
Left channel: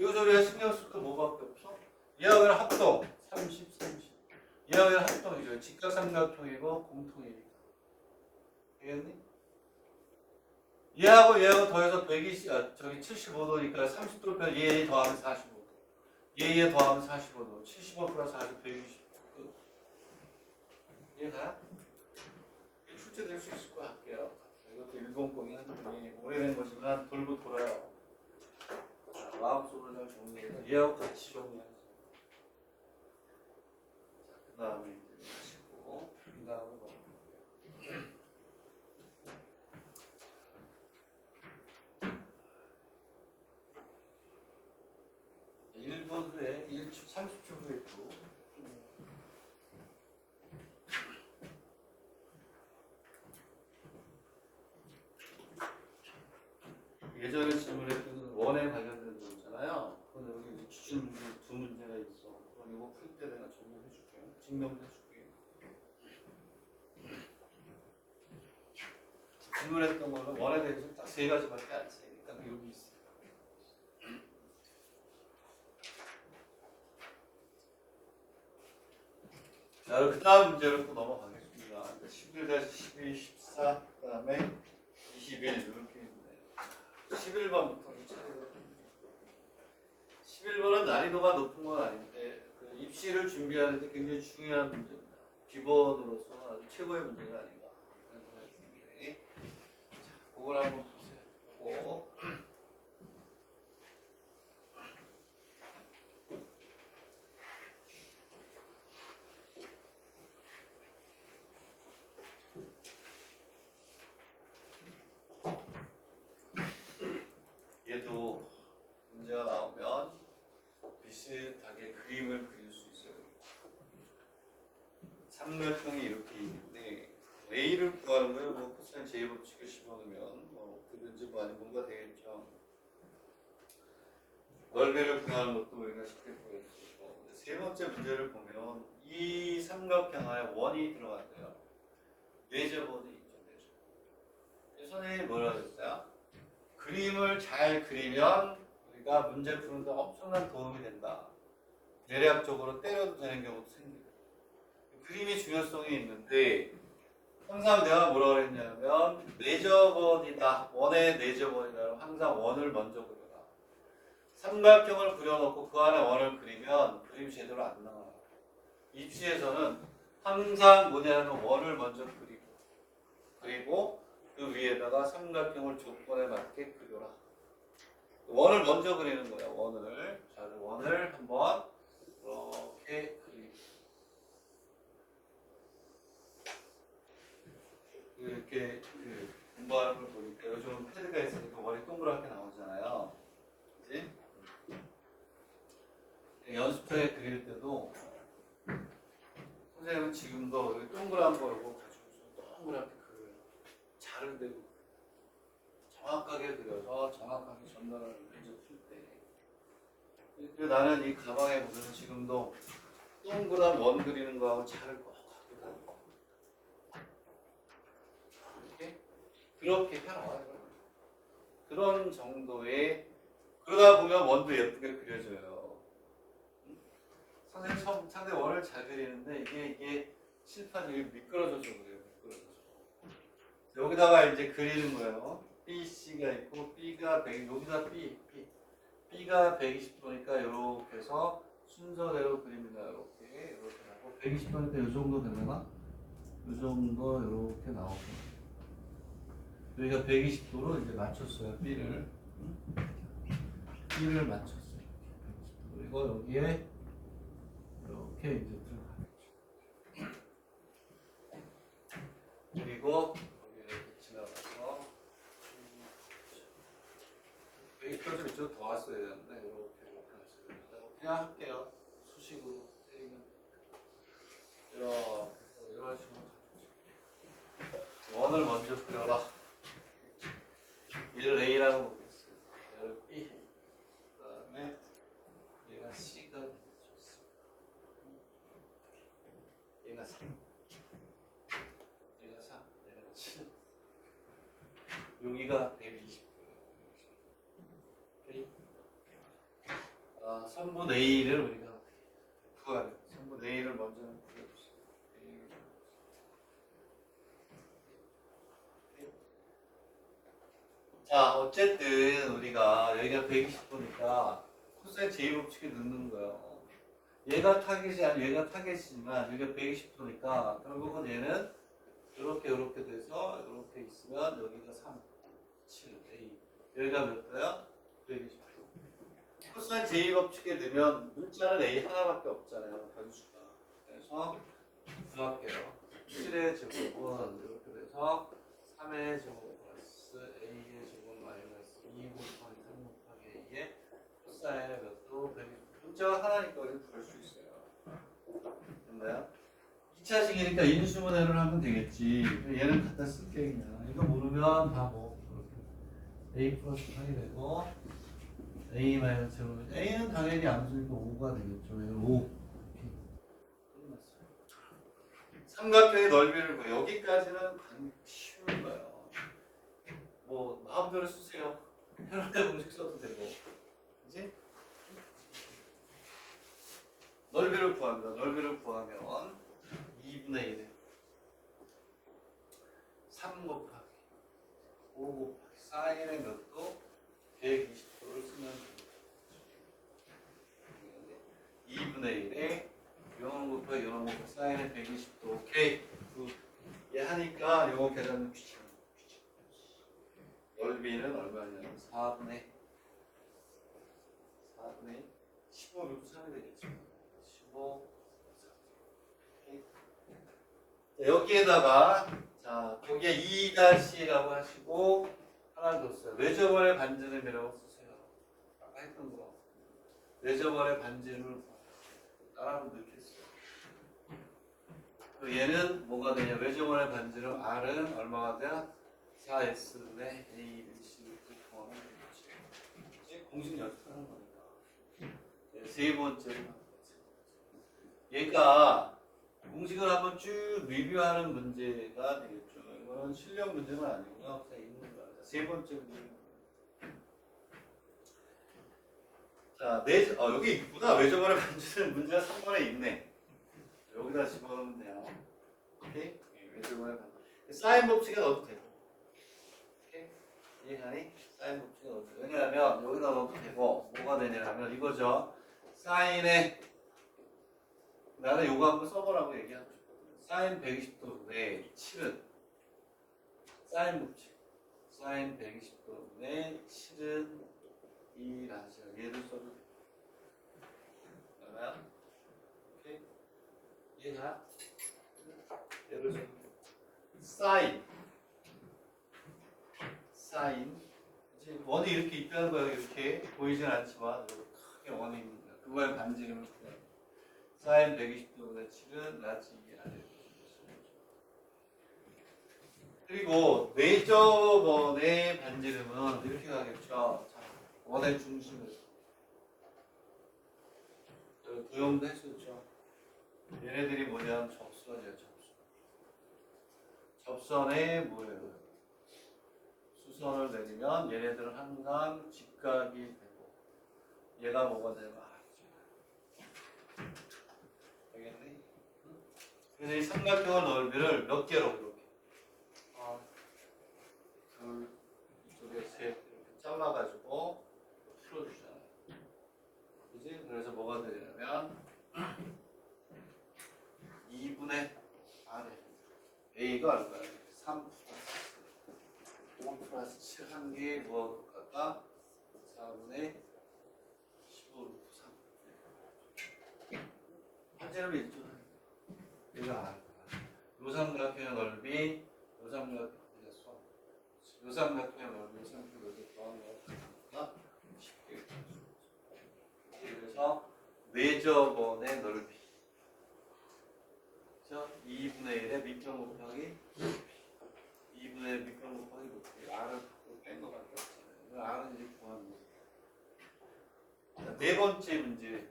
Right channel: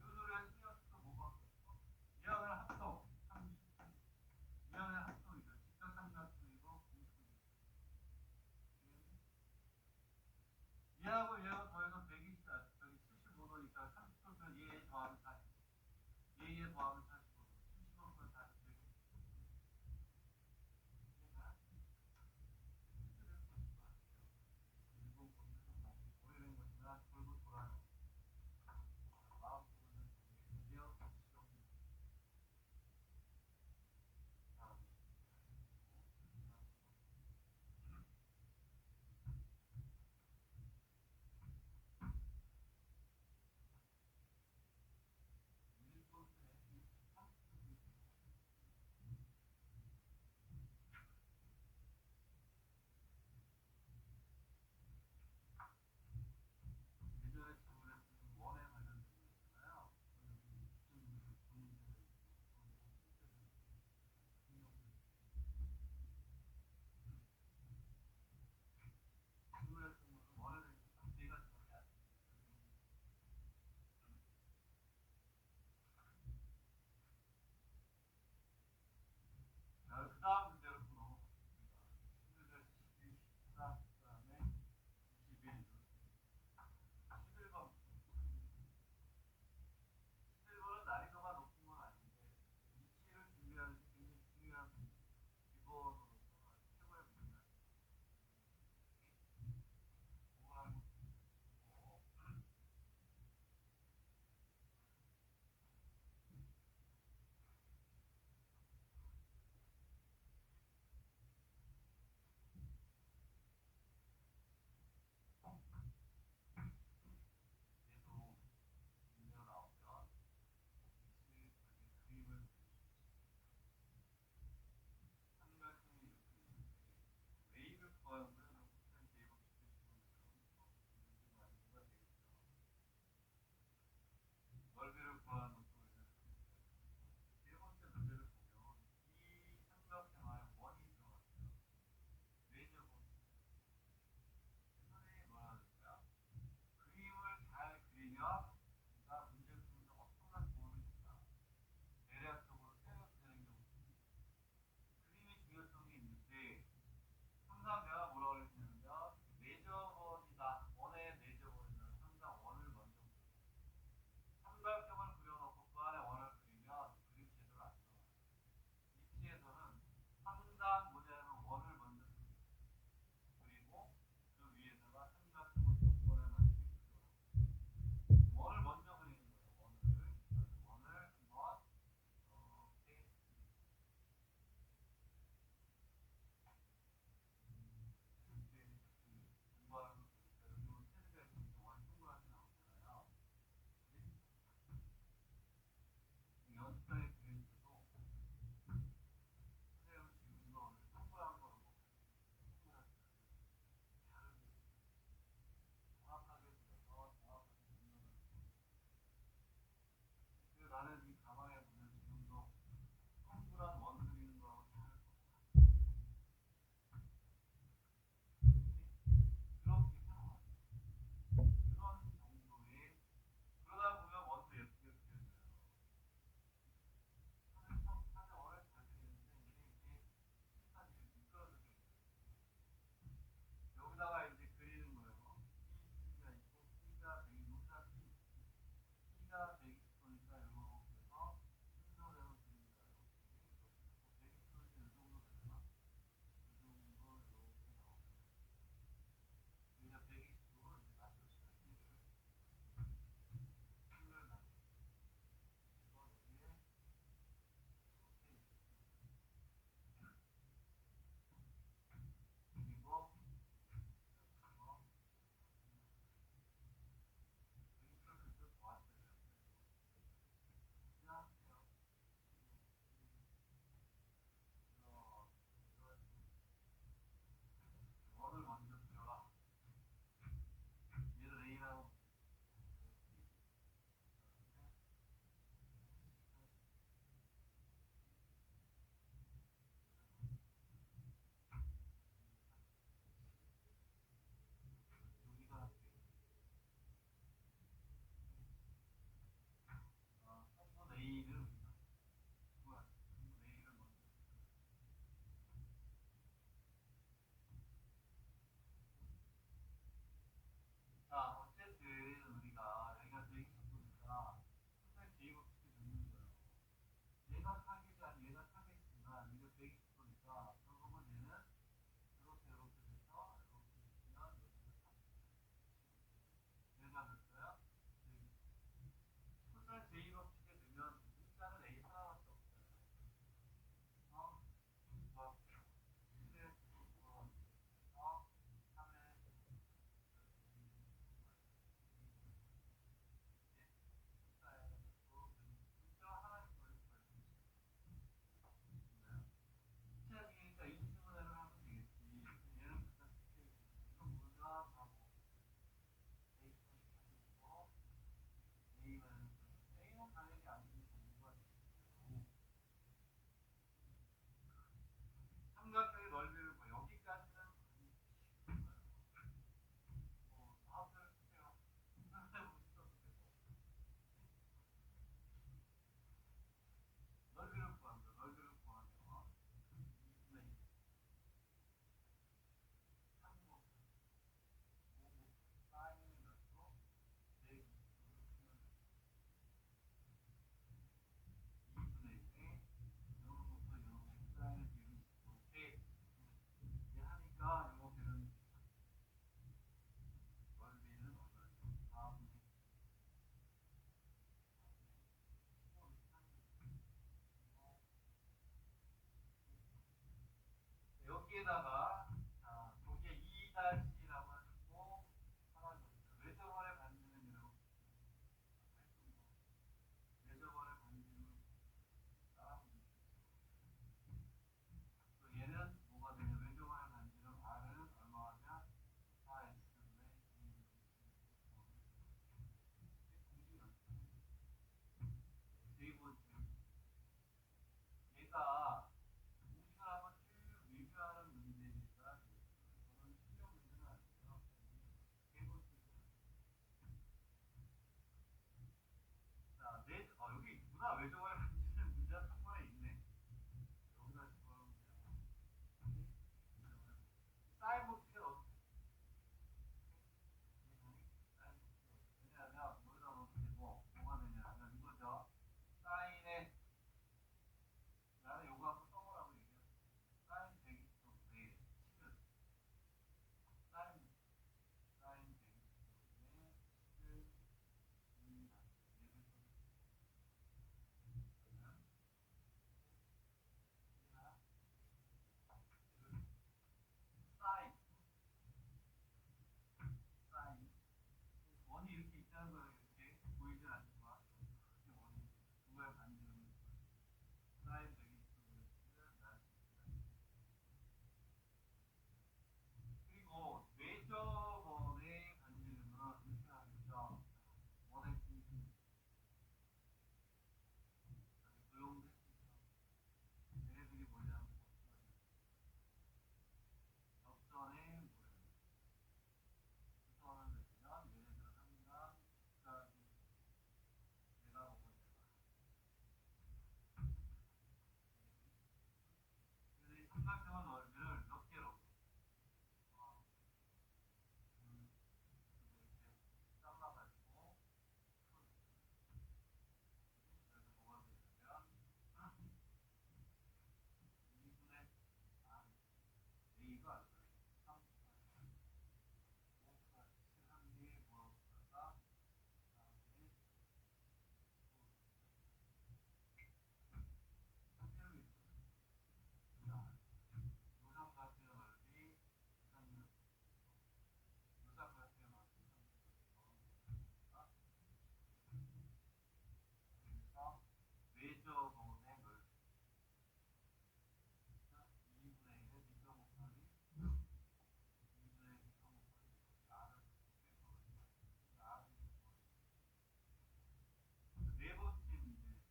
여기서 우리가 신경 쓸 거 뭐밖에 없어? 얘와 얘랑 합동 30, 30. 얘와 얘랑 합동이죠. 직각삼각형이고 공통이니까. 되겠니? 얘하고 더해서 75도니까 30도 빼 얘 더하면 45도. 얘 더하면 45도. 75 플러스 40, 120. 이해가? 출제될 수 있을 것 같아요. 이것도 100이 한분이 오래된 거지만 돌고 돌아요. 마음속으로 잘 정리해서 얘하고 같이 정리하세요. 그 다음에 하시고 그 다음에 뭐 1분 후에 30초 후에 또 예전에 질문했던 원에 관련된 거잖아요. 그런데 여기 기출 문제 두 문제가 있어. 그럼 이거 풀 때 내가 정리해줄게. 증명해줄게. 질문했던 거는 원에 대해서 딱 세 가지밖에 안 쓰니까 여기 있어. 자, 그 다음 문제로 또 넘어가겠습니다. 11-12, 14, 그 다음에 21 이렇게 있는데 11번부터 11번은 난이도가 높은 건 아닌데 그 입시를 준비하는 데 굉장히 중요한 문제입니다. 기본으로서 아주 최고의 문제가 아닌가 하는 생각이 듭니다. 자, 그걸 한번 보세요. 얘도 문제가 나오면 비슷하게 그림을 그릴 수 있어요. 삼각형이 이렇게 있는데 A를 구하는 거예요. 뭐 코사인 제이법칙을 집어넣으면 뭐 어떻게든지 뭐 아니 뭔가 되겠죠. 넓이를 구하는 것도 우리가 쉽게 구할 수 있고 세 번째 문제를 보면 이 삼각형에 원이 들어간대요. 내접원이 있죠. 내접. 선생님이 뭐라고 했어요? 그림을 잘 그리면 우리가 문제 푸는 데 엄청난 도움이 된다. 대략적으로 때려도 되는 경우도 생겨요. 그림이 중요성이 있는데 항상 내가 뭐라고 했냐면 내접원이다. 원의 내접원이다. 항상 원을 먼저 그려라. 삼각형을 그려놓고 그 안에 원을 그리면 그림이 제대로 안 나와요. 입시에서는 항상 뭐냐면 원을 먼저 그리고 그 위에다가 삼각형을 조건에 맞게 그려라. 원을 먼저 그리는 거예요. 원을. 자, 원을 한번 이렇게 이렇게 공부하는 걸 보니까 요즘 패드가 있으니까 원이 동그랗게 나오잖아요. 그치? 연습장에 그릴 때도 선생님은 지금도 여기 동그란 거 이거 가지고 동그랗게 그려요. 자를 대고 정확하게 그려서 정확하게 전달하는 문제 풀 때. 그래서 나는 이 가방에 보면 지금도 동그란 원 그리는 거하고 자를 꼭 하거든. 그렇게 해놔요. 그런 정도의 그러다 보면 원도 예쁘게 그려져요. 선생님 상대 원을 잘 그리는데 이게 칠판이 미끄러져서 그래요. 미끄러져서. 여기다가 이제 그리는 거예요. B, C가 있고 B가 100, 여기다 B가 120도니까 이렇게 해서 순서대로 그립니다. 이렇게 하고 120도니까 이 정도 되려나? 이 정도 이렇게 나오고. 여기가 120도로 이제 맞췄어요. B를 맞췄어요. 그리고 여기에 이렇게 이제 들어가겠죠. 그리고 여기 이렇게 지나가서 여기까지 좀 이쪽 더 왔어야 되는데 이렇게 왔어요. 그냥 할게요. 수식으로 때리면 이런 식으로 원을 먼저 그려라. 얘를 A라고 보겠어요. 얘를 B. 그 다음에 얘가 C가 얘가 3. 얘가 3. 얘가 7. 여기가 120. 선분 A를 우리가 구하래. 선분 A를 먼저 그려주세요. 자, 어쨌든 우리가 여기가 120도니까 코사인 제2법칙에 넣는 거예요. 얘가 타겟이 아니고 얘가 타겟이지만 여기가 120도니까 결국은 얘는 이렇게 돼서 이렇게 있으면 여기가 3, 7, A. 여기가 몇 도야? 120도. 코사인 제2법칙에 넣으면 문자는 A 하나밖에 없잖아요. 변수가. 그래서 구할게요. 7의 제곱은 이렇게 돼서 3의 제곱 코사인의 몇도 문자가 하나니까 우리는 구할 수 있어요. 됐나요? 기차식이니까 인수분해를 하면 되겠지. 얘는 갖다 쓸게 그냥. 이거 모르면 다 뭐 A 플러스 8이 되고 A 마이너스 제곱. A는 당연히 암수니까 5가 되겠죠. 5. 삼각형의 넓이를 뭐 여기까지는 쉬운 거예요. 뭐 마음대로 쓰세요. 편하게 공식 써도 되고. 그치? 넓이를 구합니다. 넓이를 구하면 2분의 1에 3 곱하기 5 곱하기 사인의 몇도 120도를 쓰면 됩니다. 2분의 1에 0 곱하기 0 곱하기 사인의 120도. 오케이. 얘 하니까 요거 계산은 귀찮아. 넓이는 얼마냐면 4분의 15 루트 3이 되겠죠. 15. 자, 여기에다가 자 거기에 2-라고 하시고 하나 더 써요. 외접원의 반지름이라고 쓰세요. 아까 했던 거. 외접원의 반지름을 따라하면 넣겠어요. 얘는 뭐가 되냐? 외접원의 반지름 R은 얼마가 돼요? 4S분의 A, B, C 구하면 되겠지. 공식 연습하는 거니까. 네, 세 번째로 얘가 공식을 한번 쭉 리뷰하는 문제가 되겠죠. 이거는 실력 문제는 아니고요. 그냥 있는 거야. 세 번째 문제. 자, 여기 있구나. 외접어를 만드는 문제가 3번에 있네. 여기다 집어넣으면 돼요. 오케이? 외접어를 만드. 사인 법칙에 넣어도 되고. 오케이? 이해가니? 사인 법칙에 넣어도 되고. 왜냐하면 여기다 넣어도 되고, 뭐가 되냐면 이거죠. 사인에 나는 요거 한번 써보라고 얘기하고 싶거든요. 사인 120도분의 7은 사인 법칙. 사인 120도분의 7은 2라는 시간. 얘를 써도 돼. 그러면 오케이? 이해가? 얘를 써도 돼. 사인 이제 원이 이렇게 있다는 거야. 이렇게 보이진 않지만 크게 원이 있는 거야. 그거에 반지름을 구해. 사인 120도분의 7은 라지 2 아래. 그리고 내저번의 반지름은 이렇게 가겠죠. 자, 원의 중심을 도형도 했었죠. 얘네들이 뭐냐면 접선이에요. 접선에 뭐예요? 수선을 내리면 얘네들은 항상 직각이 되고 얘가 뭐가 되면 알겠니? 그래서 이 삼각형의 넓이를 몇 개로 이렇게 둘, 이쪽에 셋 이렇게 잘라가지고 풀어주잖아요. 그지? 그래서 뭐가 되냐면 2분의 아래 A가 얼마야? 3 플러스 5 플러스 7 한 개 뭐가 똑같다? 4분의 15 루트 3 한제는 있죠. 이거 알아. 요삼각형의 넓이 요삼각형의 넓이 요삼각형의 넓이 더하는 거니까 쉽게 그래서 내저번의 넓이 그렇죠? 2분의 1의 밑변 곱하기 2분의 1 밑변 곱하기 높이 R을 뺀 거밖에 없잖아요. R은 이제 구하는 거예요. 자, 네 번째 문제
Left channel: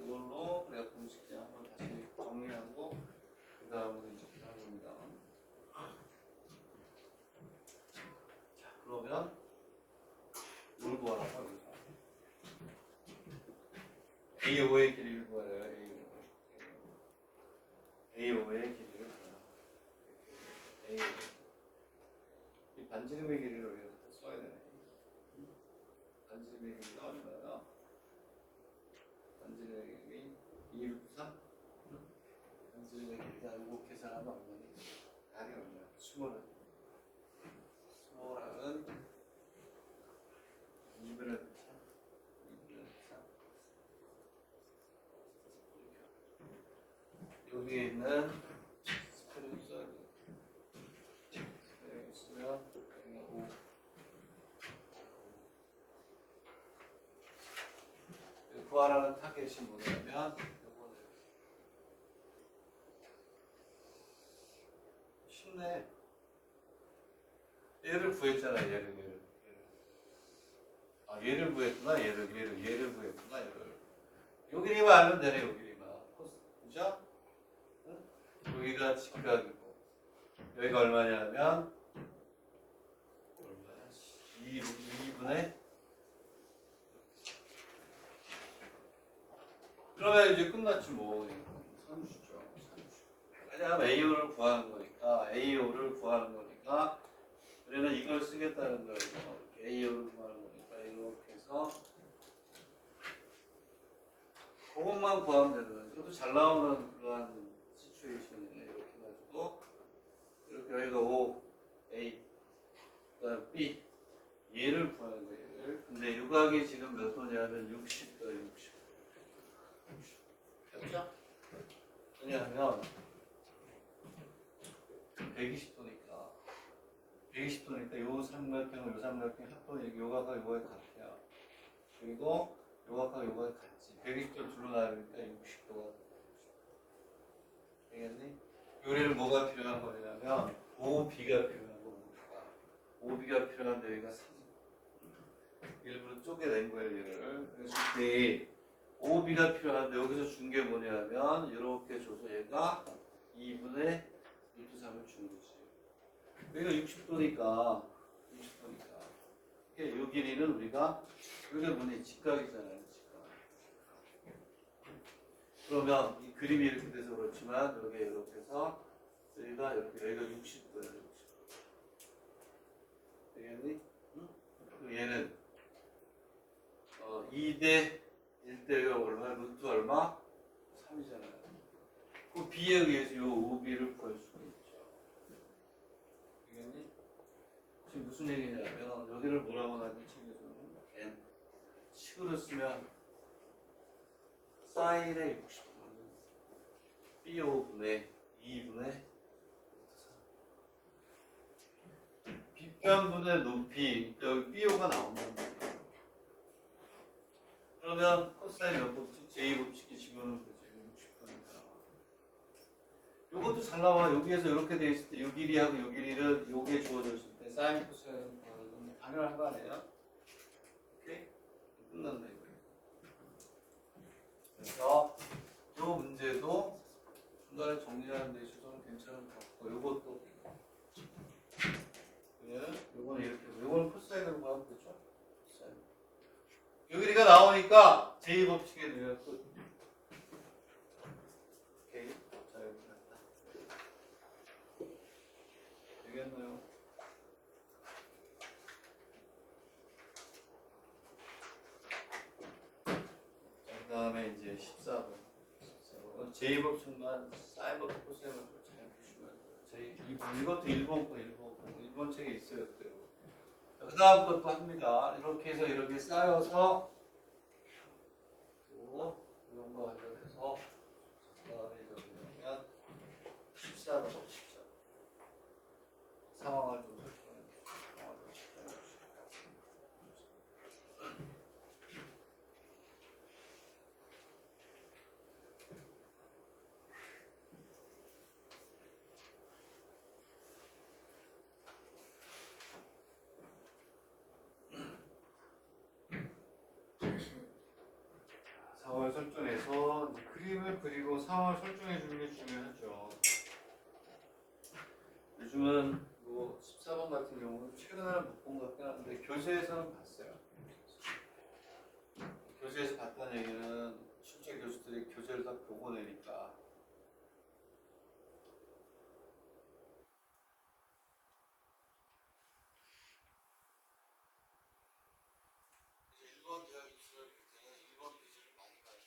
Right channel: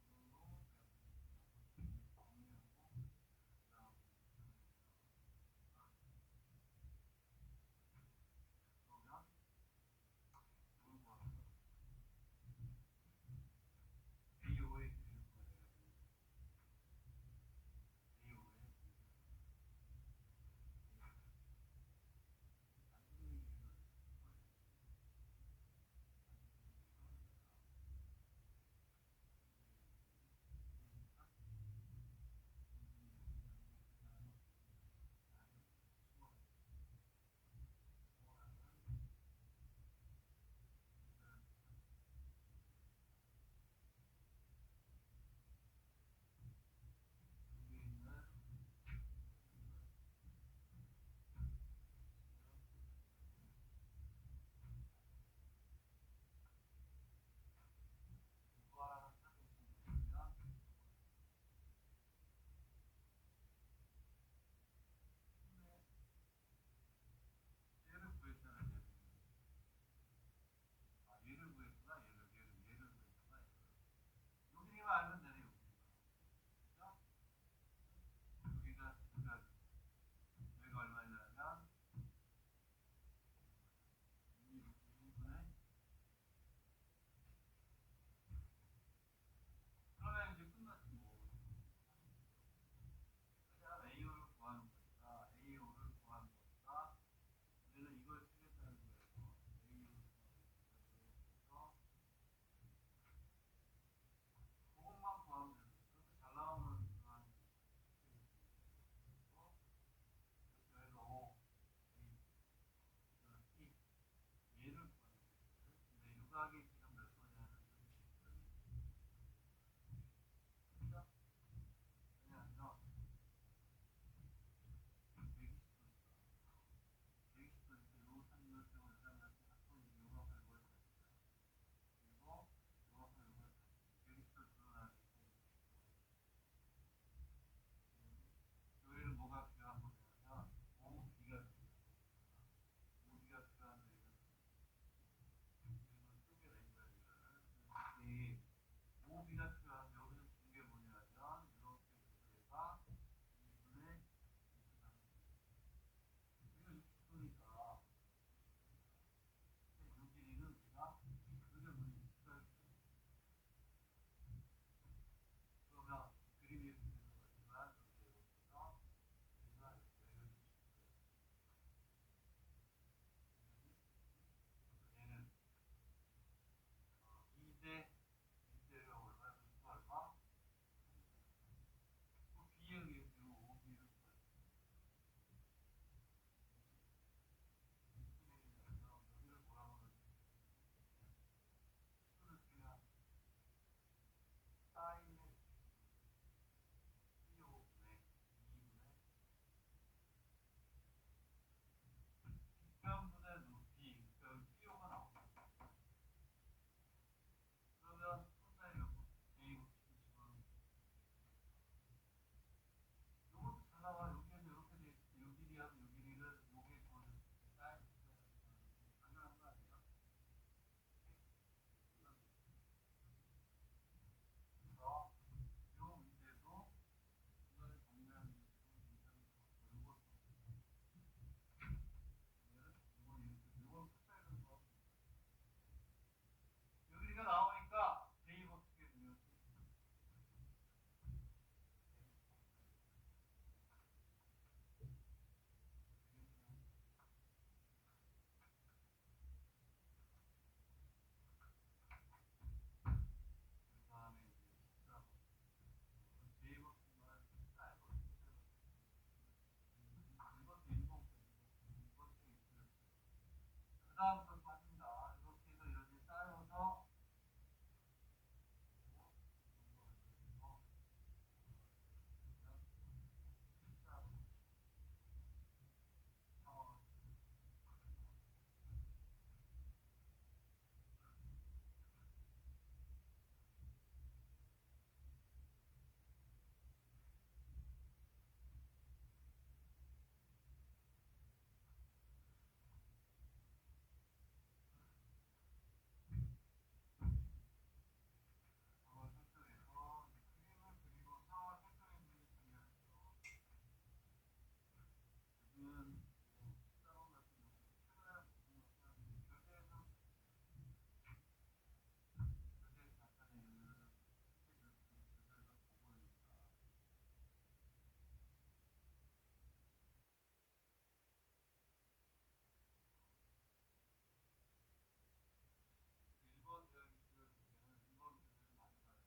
이걸로 내가 공식제 한번 다시 정리하고 그 다음으로 이제 하는 겁니다. 자, 그러면 뭘 구하라고 하죠? A5의 길이를 구하래요. A5의 길이를 구하라. 이 반지름의 길이를 우리가 써야 되네. 반지름의 길이가 얼마야? 반지름의 길이 2 루트 3? 반지름의 길이가 요거 계산하면 얼마니? R이 얼마야? 스몰은 2분의 3 여기에 있는 스페를 써야 돼. 스페를 쓰면 5 구하라는 타겟이 뭐냐면 요거는 쉽네. 얘를 구했잖아. 얘를 얘를 구했구나. 얘를 구했구나. 요 길이만 알면 되네. 요 길이만. 그죠? 응? 여기가 직각이고 여기가 얼마냐면 2분의 그러면 이제 끝났지 뭐. 30죠. 왜냐하면 AO를 구하는 거니까 우리는 이걸 쓰겠다는 거예요. AO를 구하는 거니까 이렇게 해서 그것만 구하면 되는 거예요. 이것도 잘 나오는 그러한 시츄에이션이네. 이렇게 해가지고 이렇게 여기가 O, A, 그다음 B 얘를 구하는 거예요. 얘를. 근데 유각이 지금 몇 도냐면 60도, 60. 됐죠? 왜냐하면 120도니까 요 삼각형 합동이 요각과 요각이 같아요. 그리고 요각과 요각이 같지. 120도를 둘러 나르니까 60도가 되겠니? 요리를 뭐가 필요한 거냐면 OB가 필요한 겁니다. OB가 필요한데 여기가 3. 일부러 쪼개낸 거예요, 얘를. 그래서 이 OB가 필요한데 여기 2분의 루트 3을 주는 거지. 여기가 60도니까 이 길이는 우리가 여기가 뭐냐 직각이잖아요. 직각. 그러면 이 그림이 이렇게 돼서 그렇지만 여기 이렇게 해서 여기가 60도야. 되겠니? 응? 얘는 2대 1대가 얼마? 루트 얼마? 3이잖아요. 그 B에 의해서 이 OB를 구할 수가 있죠. 되겠니? 지금 무슨 얘기냐면 여기를 뭐라고 나지 책에서는 N 식으로 쓰면 사인의 60도는 B5분의 2분의 B변분의 높이 여기 B5가 나온다는 거예요. 그러면 코사인 몇 법칙? 제2법칙이 집어넣으면 되죠. 60도니까. 요것도 잘 나와. 여기에서 이렇게 돼 있을 때 요 길이하고 요 길이를 요게 주어졌을 때 사인 코사인 당연한 거 아니에요? 오케이? 끝났네 이거. 그래서 요 문제도 중간에 정리하는 데 있어서는 괜찮은 것 같고 요것도 요거는 이렇게 요거는 코사인으로 구하면 되죠? 코사인. 요 길이가 나오니까 제2법칙에 넣으면 끝. 오케이. 자 여기 났다. 되겠나요? 그 다음에 이제 14번. 제2법칙만 사인법칙 코사인법칙 잘 보시면 이것도 일본 책에 있어요. 그 다음 것도 합니다. 이렇게 해서 이렇게 쌓여서 또 이런 거 관련해서 그 다음에 이렇게 보면 14번 14 상황을 좀 설정해 주시죠. 상황을 설정해서 그림을 그리고 상황을 설정해 주는 게 중요하죠. 요즘은 뭐 14번 같은 경우는 최근에는 못 본 것 같긴 한데 교재에서는 봤어요. 교재에서 봤다는 얘기는 실제 교수들이 교재를 다 보고 내니까 일본 대학 입시를 굉장히 일본 교재를 많이 가요.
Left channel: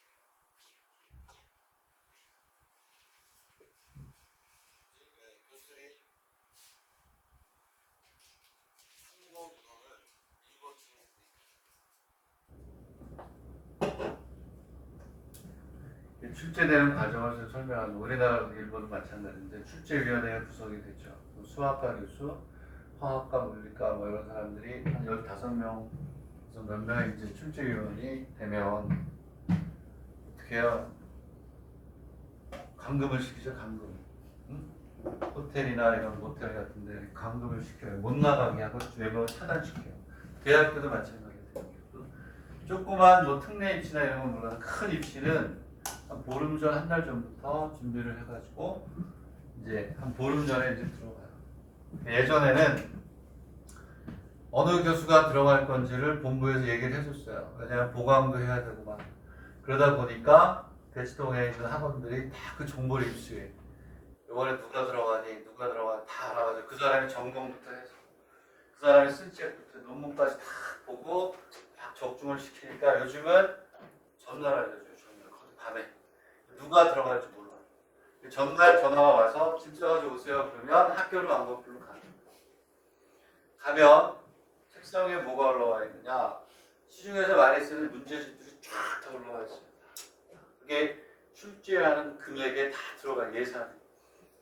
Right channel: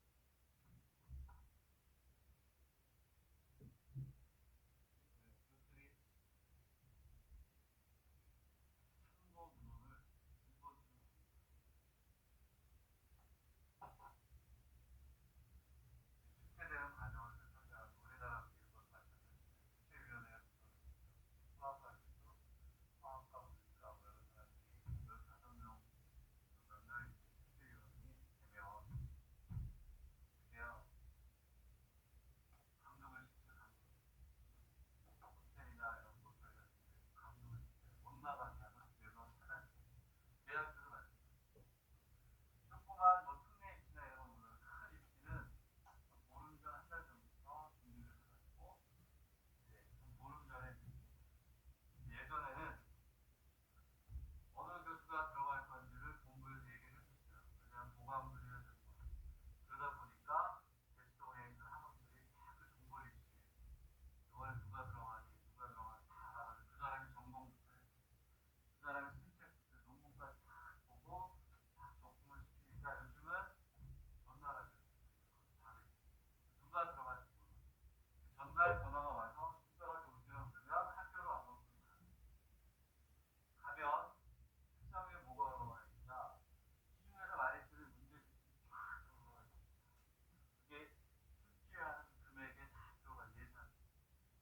교수들이 한국어 문헌을 일본 책에 출제되는 과정을 설명하는 우리나라 일본도 마찬가지인데 출제위원회가 구성이 되죠. 수학과 교수, 화학과 물리과 뭐 이런 사람들이 한 15명 몇 명의 이제 출제위원이 되면 어떻게 해요? 감금을 시키죠. 감금. 응? 호텔이나 이런 모텔 같은 데 감금을 시켜요. 못 나가게 하고 외부를 차단시켜요. 대학교도 마찬가지예요. 조그만 뭐 특례 입시나 이런 건 몰라도 큰 입시는 한 보름 전 한 달 전부터 준비를 해가지고 이제 한 보름 전에 이제 들어가요. 예전에는 어느 교수가 들어갈 건지를 본부에서 얘기를 해줬어요. 왜냐하면 보강도 해야 되고 막 그러다 보니까 대치동에 있는 학원들이 다 그 정보를 입수해. 이번에 누가 들어가니 다 알아가지고 그 사람이 전공부터 해서 그 사람이 쓴 책부터 논문까지 다 보고 막 적중을 시키니까 요즘은 전날 알려줘요. 전날 밤에 누가 들어갈지 몰라. 전날 전화가 와서 짐 싸가지고 오세요. 그러면 학교로 안 가고 별로 가면 책상에 뭐가 올라와 있느냐? 시중에서 많이 쓰는 문제집들이 쫙 다 올라와 있습니다. 그게 출제하는 금액에 다 들어간 예산.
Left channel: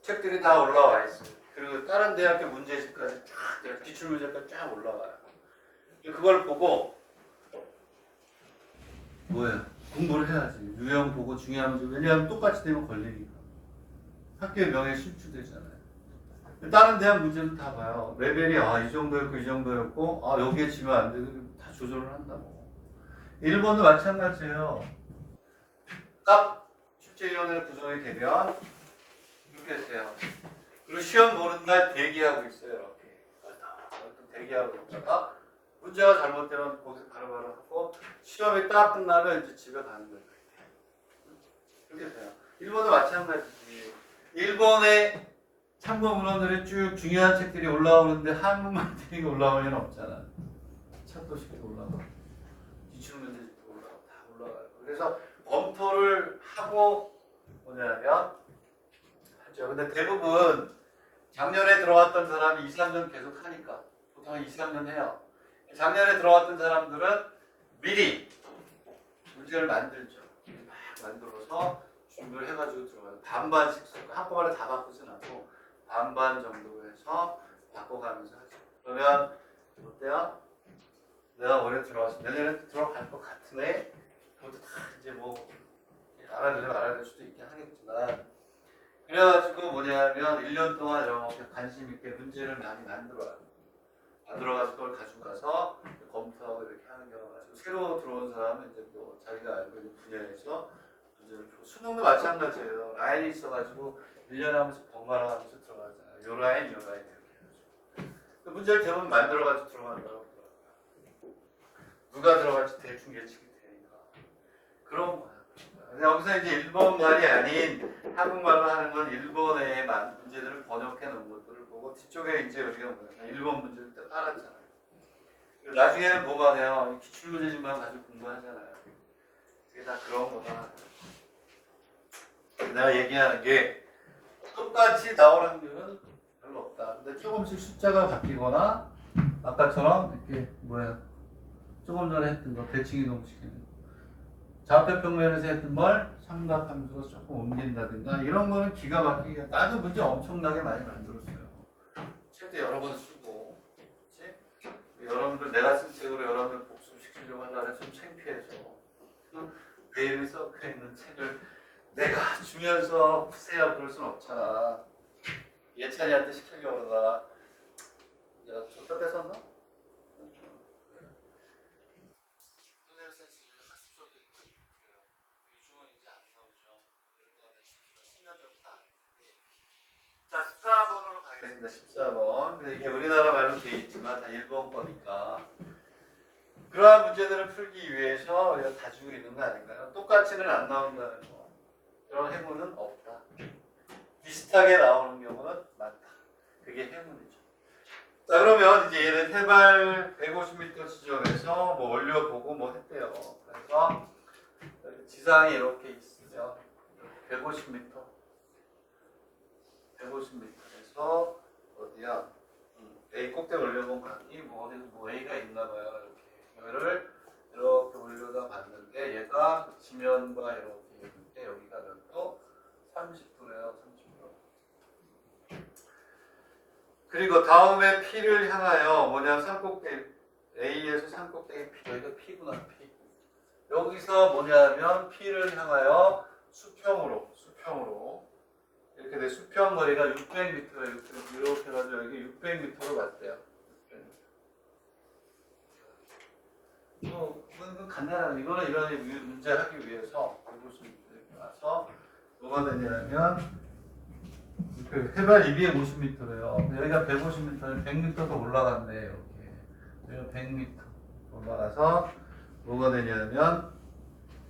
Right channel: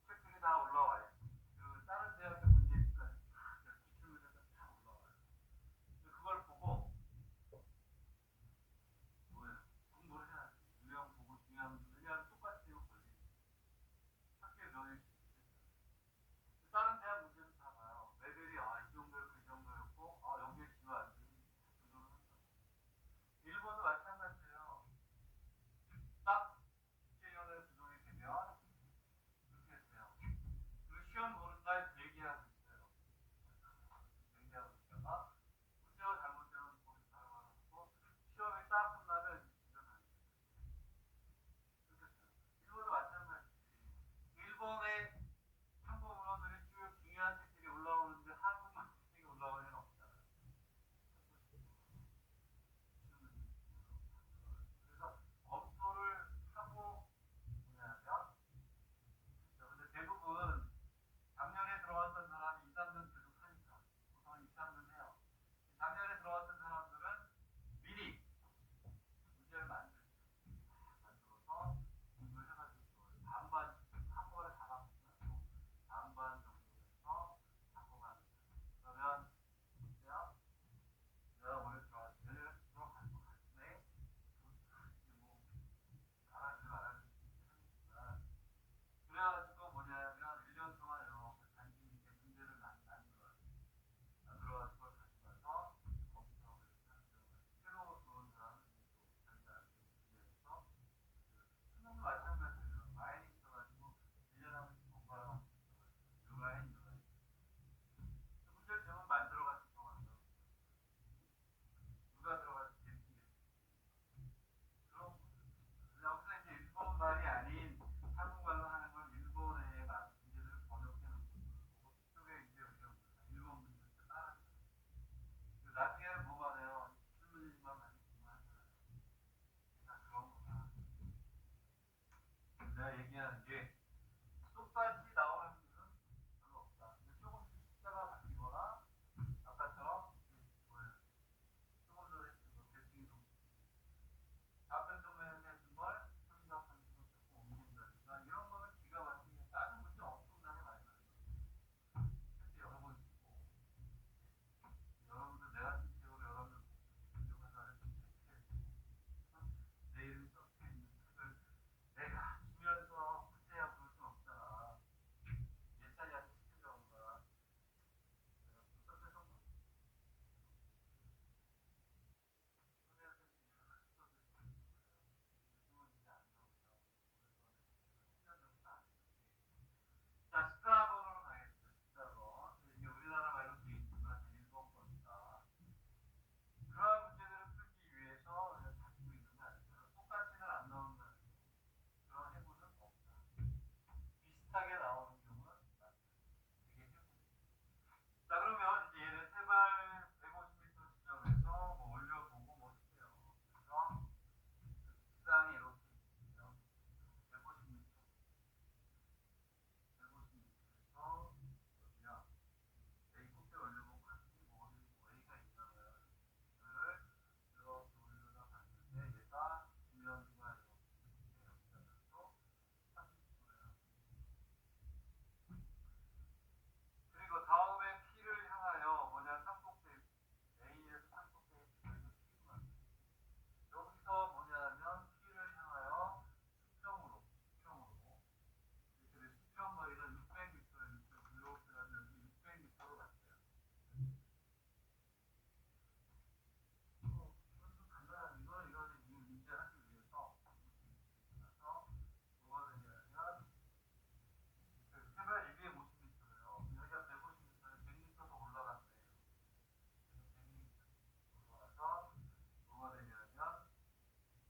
책들이 다 올라와 있어요. 그리고 다른 대학교 문제집까지 쫙, 기출문제까지 쫙 올라와요. 그걸 보고 뭐야? 공부를 해야지. 유형 보고 중요한 문제. 왜냐하면 똑같이 되면 걸리니까. 학교의 명예 실추되잖아요. 다른 대학 문제도 다 봐요. 레벨이 이 정도였고 이 정도였고 여기에 지면 안 되고 다 조절을 한다고. 일본도 마찬가지예요. 딱 출제위원회 구성이 되면 계세요. 그리고 시험 보는 날 대기하고 있어요. 이렇게 대기하고 있다가 문제가 잘못되면 거기서 바로바로 하고 시험이 딱 끝나면 이제 집에 가는 거예요. 그렇게 돼요. 일본도 마찬가지지. 일본의 참고 문헌들이 쭉 중요한 책들이 올라오는데 한국만 되게 올라올 리는 없잖아. 찾도식도 올라오고 기출문제집도 올라오고 다 올라가요. 그래서 검토를 하고 뭐냐면 하죠. 근데 대부분 작년에 들어왔던 사람이 2, 3년 계속 하니까 보통 한 2, 3년 해요. 작년에 들어왔던 사람들은 미리 문제를 만들죠. 막 만들어서 준비를 해가지고 들어가요. 반반씩 한꺼번에 다 바꾸진 않고 반반 정도 해서 바꿔가면서 하죠. 그러면 어때요? 내가 올해 들어와서 내년에 들어갈 것 같으네. 그것도 다 이제 뭐 알아들으면 알아들 수도 있긴 하겠지만 그래가지고 뭐냐면 1년 동안 이렇게 관심 있게 문제를 많이 만들어가지고 그걸 가지고 가서 검토하고 이렇게 하는 경우가 가지고 새로 들어온 사람은 이제 또 자기가 알고 있는 분야에서 문제를 풀고 수능도 마찬가지예요. 라인이 있어가지고 1년에 한 번씩 번갈아 가면서 들어가잖아요. 요 라인 이렇게 해가지고 그 문제를 대부분 만들어가지고 들어간다고 누가 들어갈지 대충 예측이 되니까 그런 거야. 여기서 이제 일본말이 아닌 한국말로 하는 건 일본의 문제들을 번역해 놓은 것들을 보고 뒤쪽에 이제 우리가 뭐냐 일본 문제를 딱 깔았잖아요. 나중에는 뭐가 돼요? 기출문제집만 가지고 공부하잖아요. 그게 다 그런 거다. 내가 얘기하는 게 똑같이 나올 확률은 별로 없다. 근데 조금씩 숫자가 바뀌거나 아까처럼 이렇게 조금 전에 했던 거 대칭 이동시키는 거. 좌표평면에서 했던 걸 삼각함수로 조금 옮긴다든가 이런 거는 기가 막히게 나도 문제 엄청나게 많이 만들었어요. 책도 여러 번 쓰고 그치? 여러분들 내가 쓴 책으로 여러분들 복습시키려고 하려면 좀 창피해서 내 이름이 썩혀 있는 책을 내가 주면서 푸세요 그럴 순 없잖아. 예찬이한테 시키려고 하다가 야 저다 뺏었나? 자, 14번으로 가겠습니다. 14번. 근데 이게 우리나라 말로 되어 있지만 다 일본 거니까. 그러한 문제들을 풀기 위해서 우리가 가지고 있는 거 아닌가요? 똑같이는 안 나온다는 거. 그런 행운은 없다. 비슷하게 나오는 경우는 많다. 그게 행운이죠. 자, 그러면 이제 얘는 해발 150m 지점에서 뭐 올려보고 뭐 했대요. 그래서 지상이 이렇게 있으면 150m. 150m에서 어디야? A 꼭대기 올려본 각이 뭐 어디 뭐 A가 있나봐요. 이렇게 이거를 이렇게 올려다 봤는데 얘가 지면과 이렇게 있는데 여기가 또 30도래요. 30도. 그리고 다음에 P를 향하여 뭐냐 산꼭대기 A에서 산꼭대기 P 여기가 P구나 P. 여기서 뭐냐면 P를 향하여 수평으로 이렇게 돼 수평 거리가 600m예요. 이렇게 해가지고 여기 600m로 갔대요. 이건 간단한 이거는 이런 문제 하기 위해서 이렇게 와서 뭐가 되냐면 그 해발 250m래요. 여기가 150m는 100m 더 올라갔네 이렇게. 여기가 100m 올라가서 뭐가 되냐면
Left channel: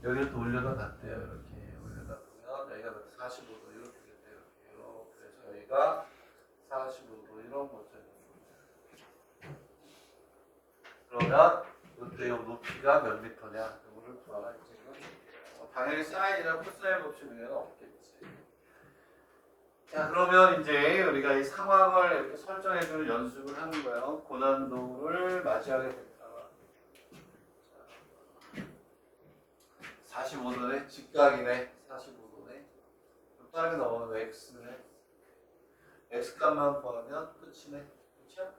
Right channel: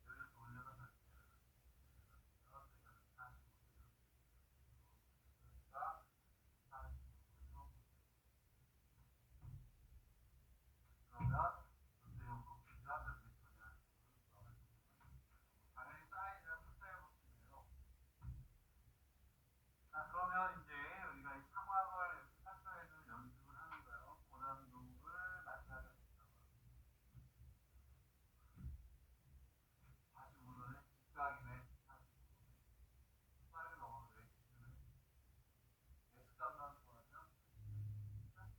여기를 또 올려다 갔대요. 이렇게 올려다 보면 여기가 45도 이렇게 됐대요. 그래서 여기가 45도 이런 거죠. 그러면 이때 높이가 몇 미터냐? 이거를 구하라 이제 당연히 사인이나 코사인 법칙 외에는 없겠지. 자 그러면 이제 우리가 이 상황을 이렇게 설정해주는 연습을 하는 거예요. 고난도를 맞이하게 됐다. 45도네, 직각이네, 45도네. 빠르게 넘어가면 x네. x 값만 구하면 끝이네. 그렇죠?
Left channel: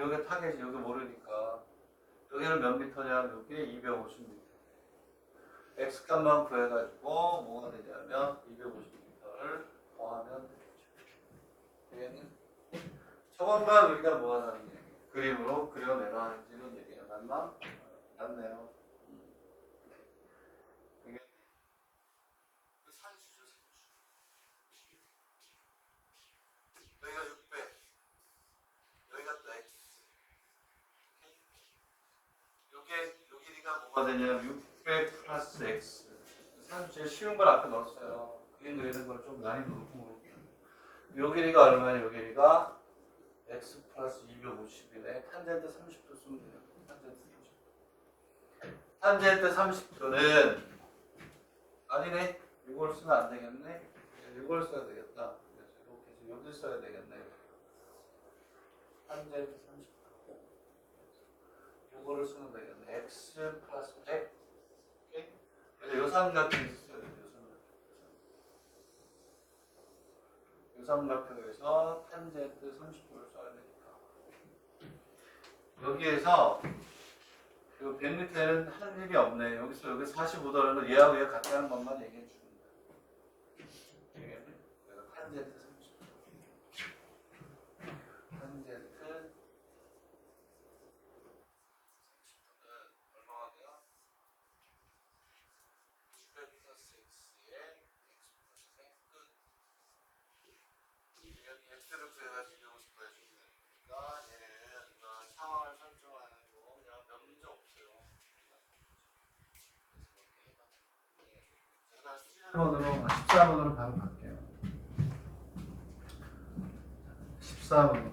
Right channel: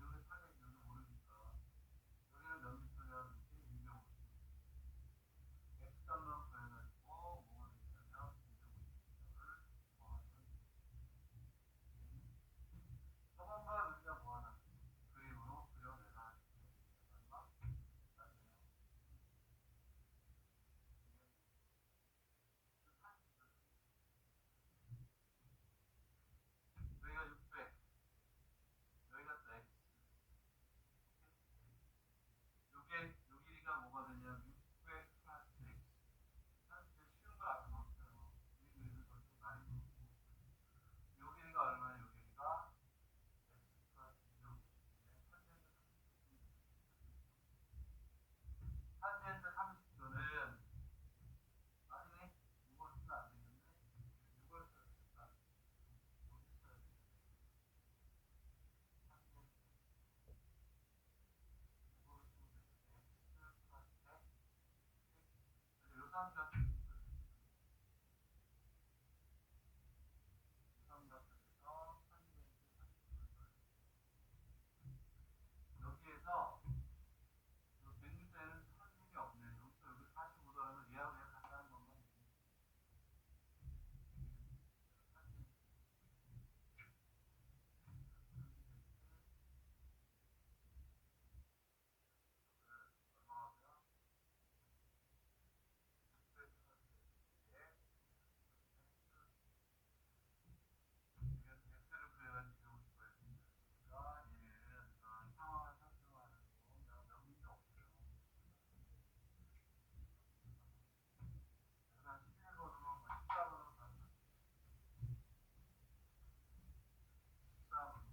요게 타겟이 여기 모르니까 여기는 몇 미터냐? 여기에 250m. x 값만 구해가지고 뭐가 되냐면 250m를 더하면 되겠죠. 저것만 우리가 뭐 하자는 얘기 그림으로 그려내라 이런 얘기가 맞나? 맞네요. 이게 산수죠, 산수. 뭐가 되냐? 600 플러스 x. 사실 제일 쉬운 걸 앞에 넣었어요. 위에 있는 걸 좀 많이 넣고. 요 길이가 얼마냐? 요 길이가 x 플러스 250이네. 탄젠트 30도 쓰면 돼요. 탄젠트 30도는 아니네. 이걸 쓰면 안 되겠네. 이걸 써야 되겠다. 이렇게 해서 여기 써야 되겠네. 탄젠트 30도. 이거를 쓰면 되겠네. x 플러스 100. 오케이? 요삼각형이 있어야 돼요. 요삼각형에서 탄젠트 30도를 써야 되니까. 여기에서 이 100m는 할 일이 없네. 여기서 여기 45도라는 걸 얘하고 얘 같다는 것만 얘기해 주는 거야. 되겠네? 그래서 탄젠트 30도. 탄젠트 30도는 얼마가 돼요? 600 플러스 x에 x 플러스 100 끝. 여기 x를 구해가지고 여기서 구해주면 되니까 얘는 이거 상황을 설정하는 거 그냥 몇 문제 없어요. 14번으로 바로 갈게요. 14번으로.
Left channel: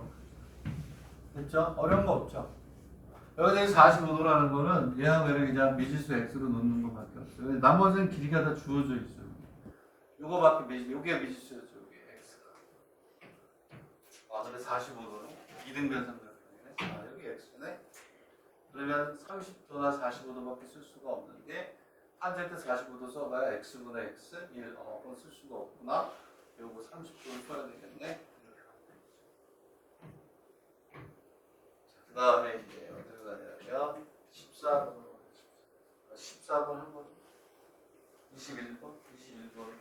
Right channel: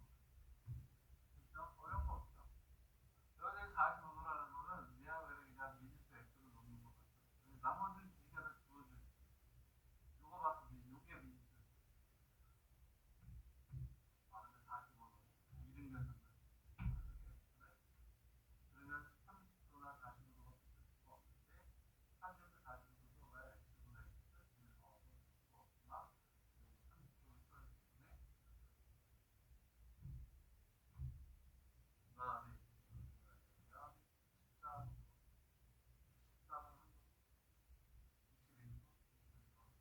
됐죠? 어려운 거 없죠? 여기서 45도라는 거는 얘하고 얘를 그냥 미지수 x로 놓는 것밖에 없어요. 나머지는 길이가 다 주어져 있어요. 요거밖에 요게 미지수였죠. 요게 x가. 아, 근데 45도는 이등변 삼각형이네. 아, 여기 x네. 그러면 30도나 45도밖에 쓸 수가 없는데 탄젠트 45도 써봐야 x분의 x 1, 그건 쓸 수가 없구나. 요거 30도를 써야 되겠네. 그 다음에 이제 어디로 가냐면 14번으로 14번 한 번, 21번, 21번.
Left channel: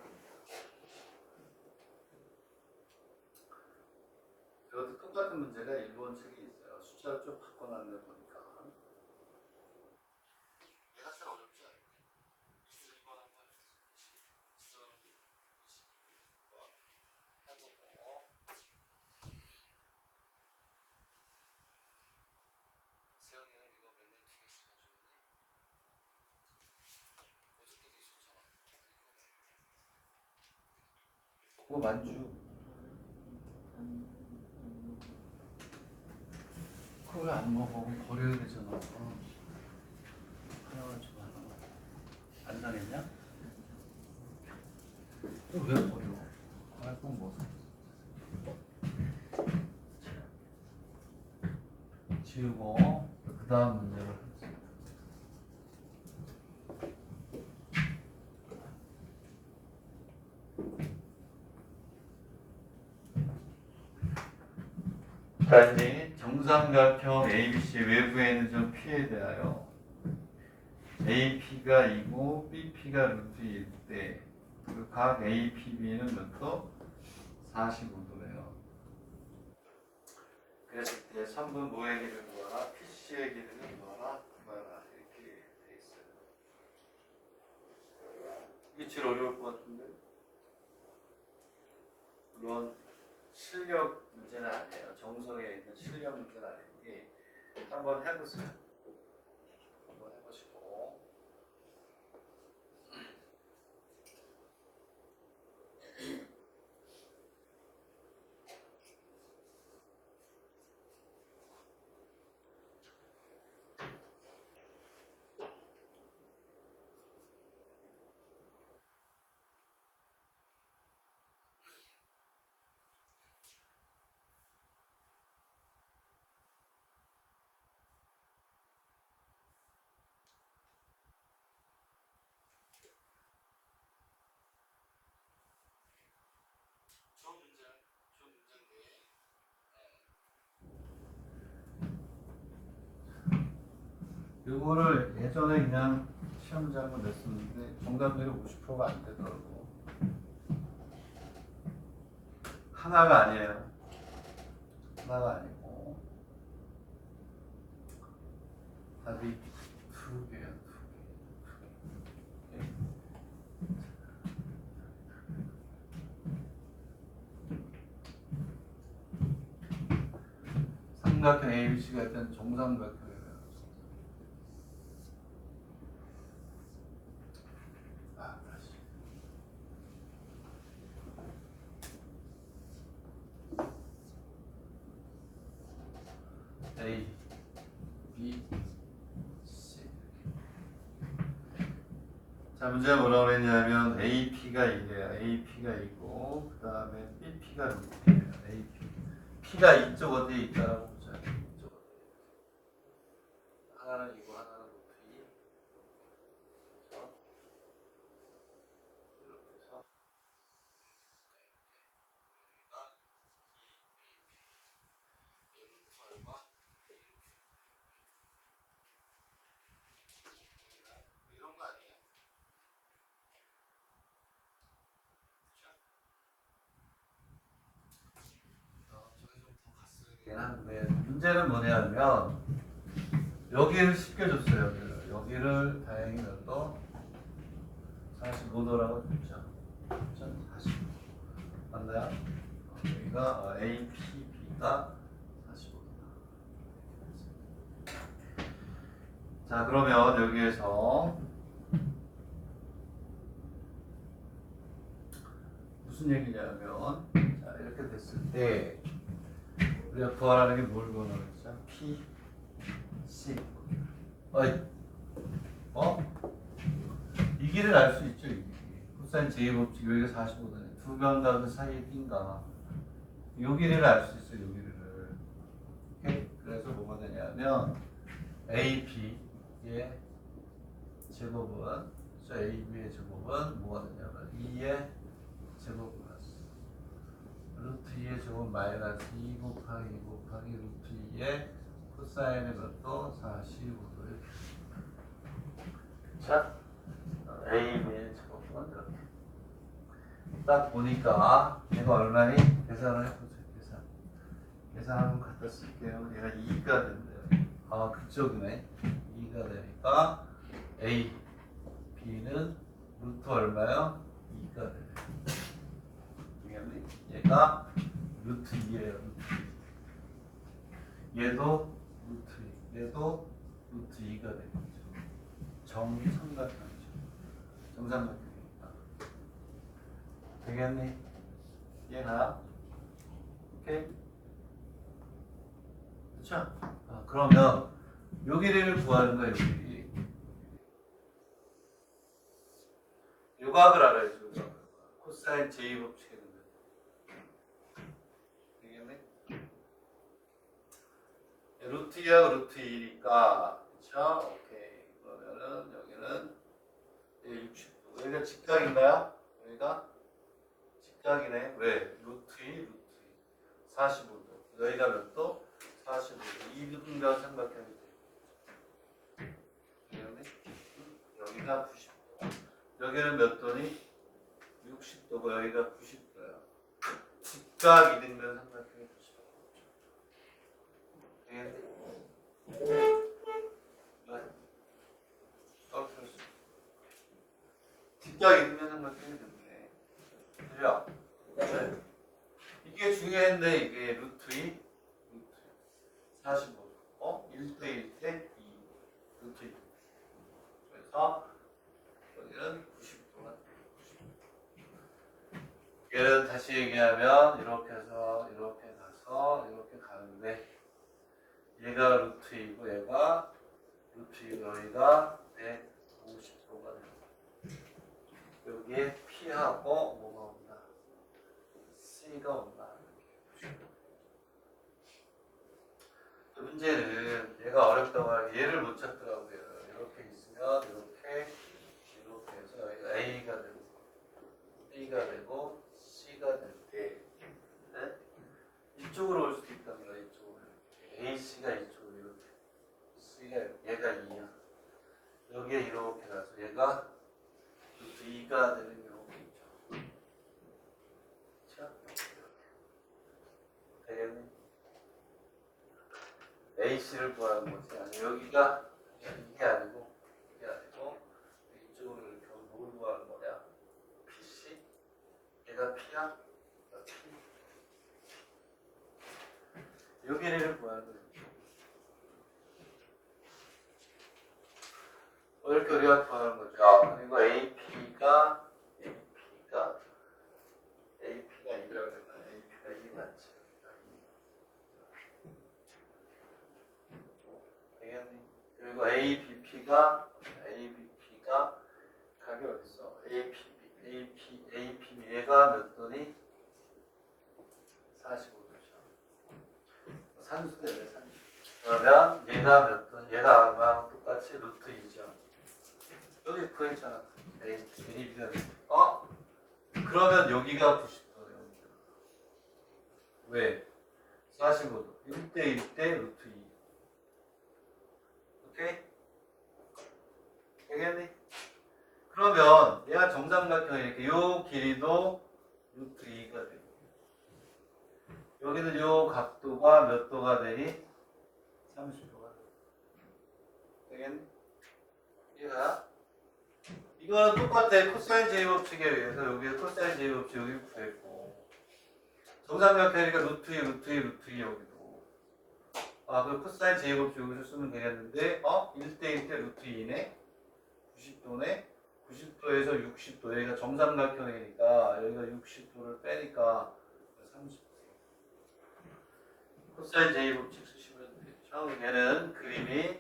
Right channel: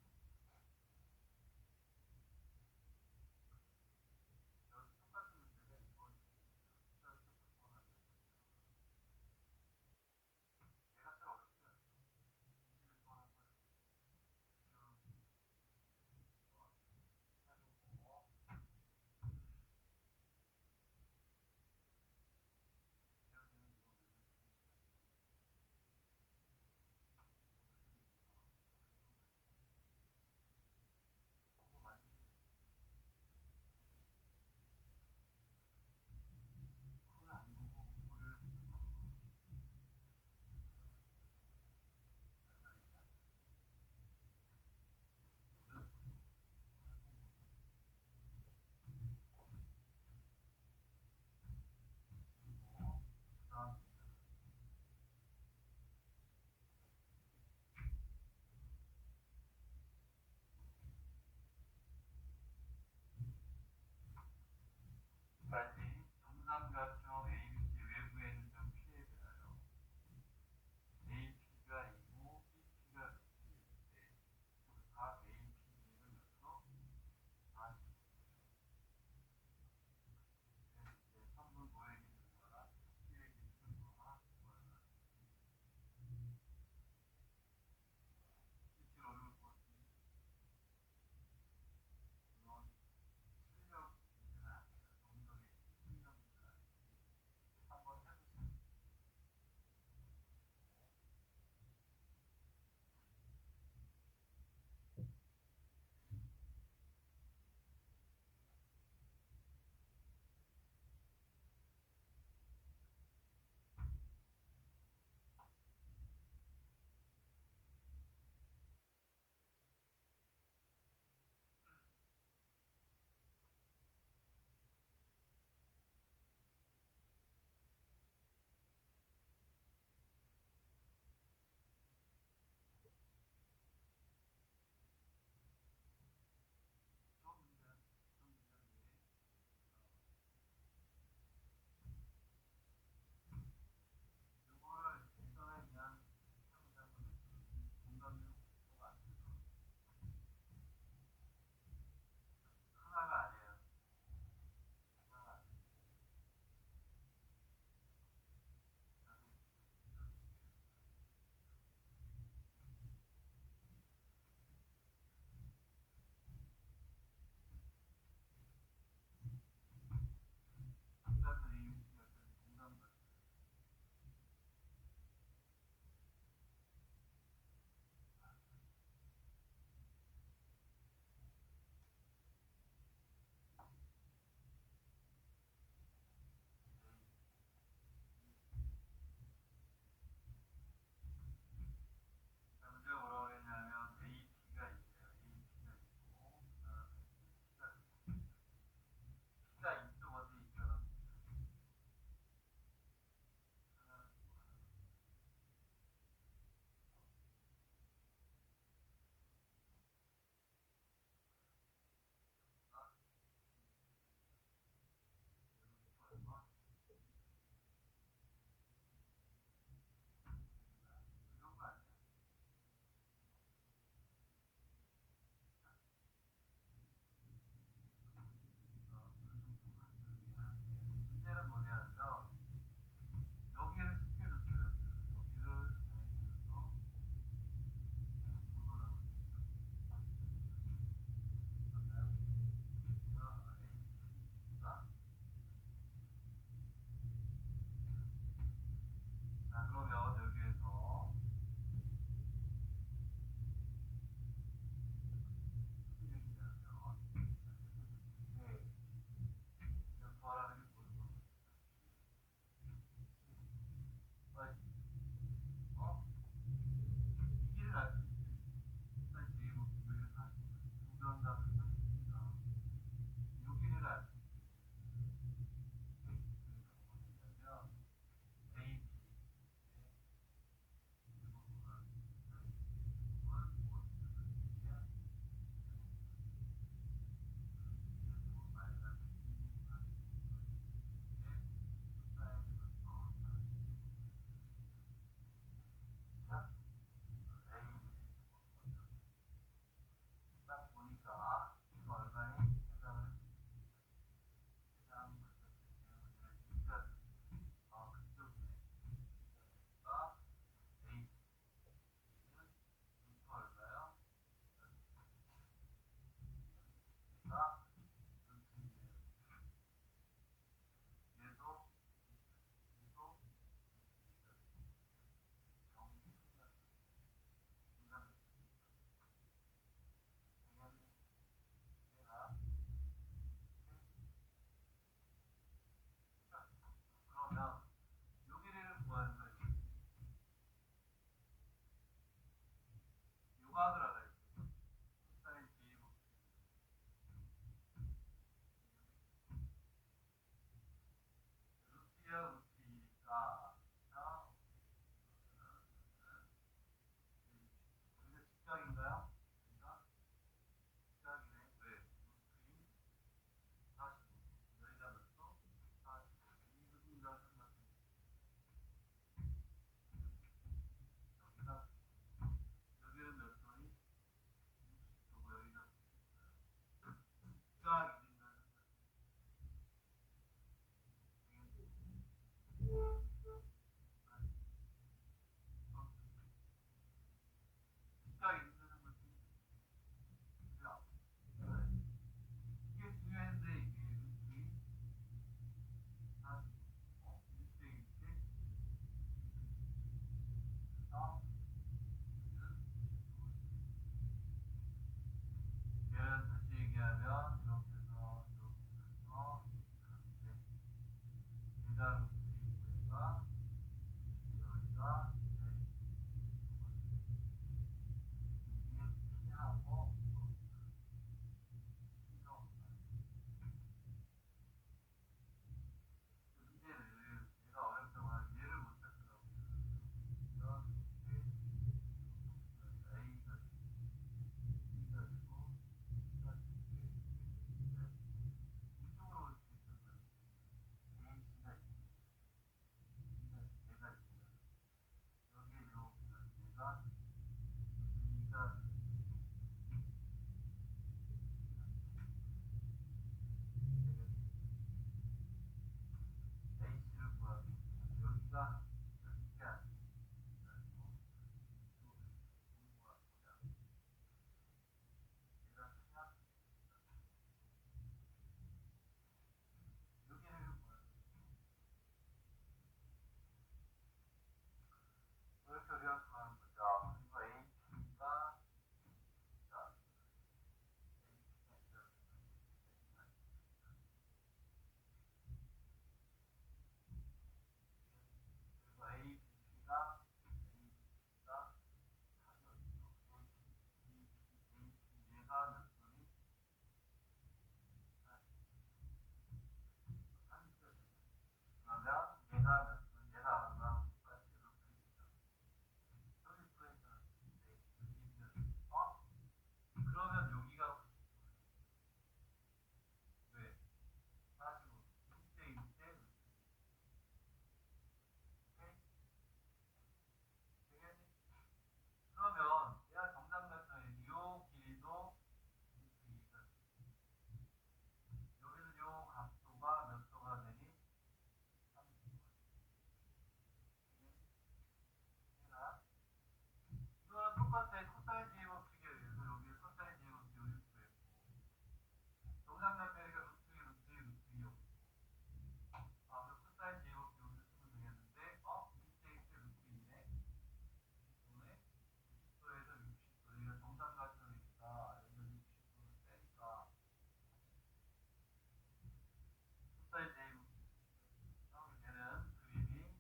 이것도 똑같은 문제가 일본 책에 있어요. 숫자를 좀 바꿔놨네 보니까. 얘가 잘 어렵지 않아요. 21번 한 번, 22번 해보고. 세영이는 이거 몇년 뒤에 시켜주는데 그거 만주. 그거 왜 안 먹어? 버려야 되잖아. 하나만 좀 하나. 안 당했냐? 왜 버려? 알건 뭐? 지우고 그 다음 문제를 하겠습니다. 자, 이제 정삼각형 ABC 외부에 있는 점 P에 대하여 AP가 2고 BP가 루트 1일 때 그 각 APB는 몇 도? 45도래요. 그랬을 때 3분 모의 길이를 구하라, PC의 길이를 구하라 이렇게 돼 있어요. 이게 제일 어려울 것 같은데. 물론 실력 문제는 아니에요. 정석에 있는 실력 문제는 아니니 한번 해보세요. 한번 해보시고. 좋은 문제인데. 이거를 예전에 그냥 시험장을 냈었는데 정답률이 50%가 안 되더라고. 하나가 아니에요. 하나가 아니고 답이 두 개야. 삼각형 ABC가 있던 정삼각형이에요. B, C. 자, 문제가 뭐라고 그랬냐면 AP가 이래요. AP가 있고 그 다음에 BP가 루트예요. AP. P가 이쪽 어디에 있다라고 보자. 이쪽 어디에. 하나는 이고 하나는 루트 2. 그렇죠? 이렇게 해서 얼마? 이런 거 아니에요? 저기 좀 더 갔어야 하는데 문제는 뭐냐면 여기를 쉽게 줬어요. 여기를 다행히 몇도 45도라고 줬죠. 45. 맞나요? 여기가 APB가 45도다. 자, 그러면 여기에서 무슨 얘기냐면 자, 이렇게 됐을 때 우리가 구하라는 게 뭘 구하라고 했죠? P, C. 어이, 이 길을 알 수 있죠. 코사인 제곱식 여기가 45도네. 두 명 다 그 사이에 낀가. 요 길이를 알 수 있어요. 요 길이를. 오케이? 그래서 뭐가 되냐면 AB의 제곱은 AB의 제곱은 뭐가 되냐면 2의 제곱 플러스 루트 2의 제곱 마이너스 2 곱하기 루트 2의 코사인의 것도 45도 이렇게. 자, AB의 제곱은 이렇게. 딱 보니까 얘가 얼마니? 계산을 해보세요. 계산 한번 갖다 쓸게요. 얘가 2가 된대요. 아, 그쪽이네. 2가 되니까 A, B는 루트 얼마요? 2가 돼요. 얘가 루트 2예요. 얘도 루트 2, 얘도 루트 2가 되겠죠. 정삼각형이죠. 정삼각형이니까. 되겠니? 얘가 오케이? 그렇죠? 그러면 요 길이를 구하는 거예요. 요 길이. 요 값을 알아야죠. 코사인 제곱칙 되겠네? 루트 2하고 루트 2니까 그쵸? 오케이. 그러면은 여기는 60도. 여기가 직각인가요? 여기가 직각이네. 왜? 루트 2, 루트 2. 45도. 여기가 몇 도? 45도. 이 부분과 삼각형이 돼. 되겠네? 여기가 90도. 여기는 몇 도니? 60도고 여기가 90도야. 직각이 되면 삼각형이 90도. 되겠네? 직각이 되면 삼각형이 됐네. 그죠? 네. 이게 중요한데 이게 루트 2, 루트 45도. 1대 1대 2. 루트 2. 그래서 여기는 90도가 얘는 다시 얘기하면 이렇게 해서 이렇게 가서 이렇게 가는데 얘가 루트 2고 얘가 루트 2고 여기가 150도가 됩니다. 여기에 P하고 뭐가 온다? C가 온다. 문제는 얘가 어렵다고 하는 얘를 못 찾더라고요. 이렇게 있으면 이렇게 해서 여기가 A가 되고 B가 되고 C가 될 때 네? 이쪽으로 올 수도 있다는 거야. 이쪽으로 A, C가 이쪽으로 이렇게 C가 얘가 2야. 여기에 이렇게 가서 얘가 루트 2가 되는 경우가 있죠. 그렇죠? 되겠니? AC를 구하는 거지. 아니 여기가 이게 아니고 이쪽으로 이렇게 뭘 구하는 거냐? PC? 얘가 P야? P. 여기를 구하는 거지. 이렇게 우리가 구하는 거죠. 그리고 AP가 이라고 했나? AP가 2 맞지? 되겠니? AB가 각이 어딨어? APB 얘가 몇 도니? 45도죠. 산수대네 산수. 그러면 얘가 몇 도? 얘가 아마 똑같이 루트 2죠. 여기 구했잖아. AB가 그러면 여기가 90도예요. 왜? 45도. 1대 1대 루트 2. 오케이? 되겠니? 그러면 얘가 정삼각형이니까 요 길이도 루트 2가 되고 여기는 요 각도가 몇 도가 되니? 30도가 되겠니? 이해가? 이거는 똑같아. 코사인 제곱칙에 의해서 여기에 코사인 제곱칙 여기 구했고 정삼각형이니까 루트 2 루트 2 여기도 그 코사인 제곱칙 여기서 쓰면 되겠는데 1대 1대 루트 2네 90도네 90도에서 60도 여기가 정삼각형이니까 여기가 60도를 빼니까 30도 코사인 제곱칙 쓰시면 되죠. 얘는 그림이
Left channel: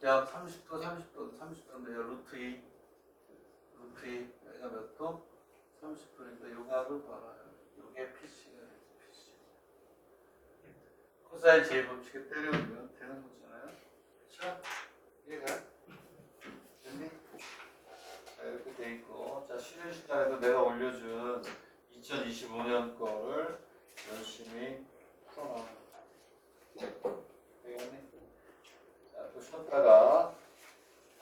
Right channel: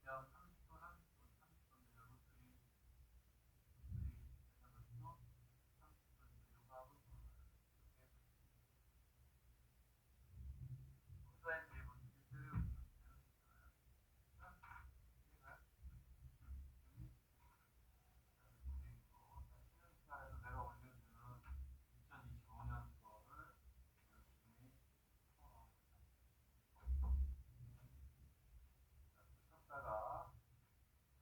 그냥 30도인데 루트 2 여기가 몇 도? 30도인데 요 각을 봐라. 요게 PC가 PC 코사인 제곱칙에 때려오면 되는 거잖아요. 그렇죠? 이해가? 됐니? 자 이렇게 돼 있고 자 쉬는 시간에도 내가 올려준 2025년 거를 열심히 풀어놔. 되겠니? 자 또 쉬었다가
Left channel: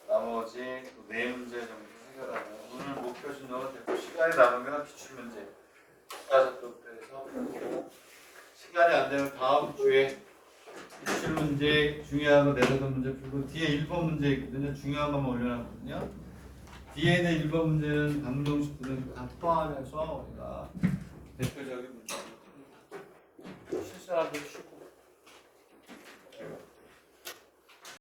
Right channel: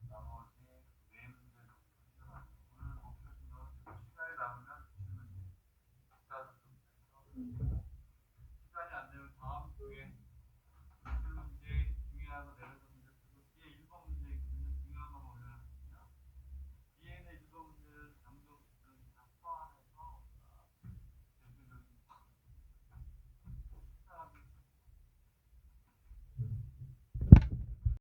나머지 또 4문제 정도 해결하고 오늘 목표 진도는 됐고 시간이 남으면 기출문제 국가적법부터 해서 펴고 시간이 안 되면 다음 주에 기출문제 중요한 거 4-5 문제 풀고 뒤에 1번 문제 있거든요. 중요한 것만 올려놨거든요. 뒤에 있는 1번 문제는 방정식 등을 다 포함해서 우리가 대표적인 문제 실수하는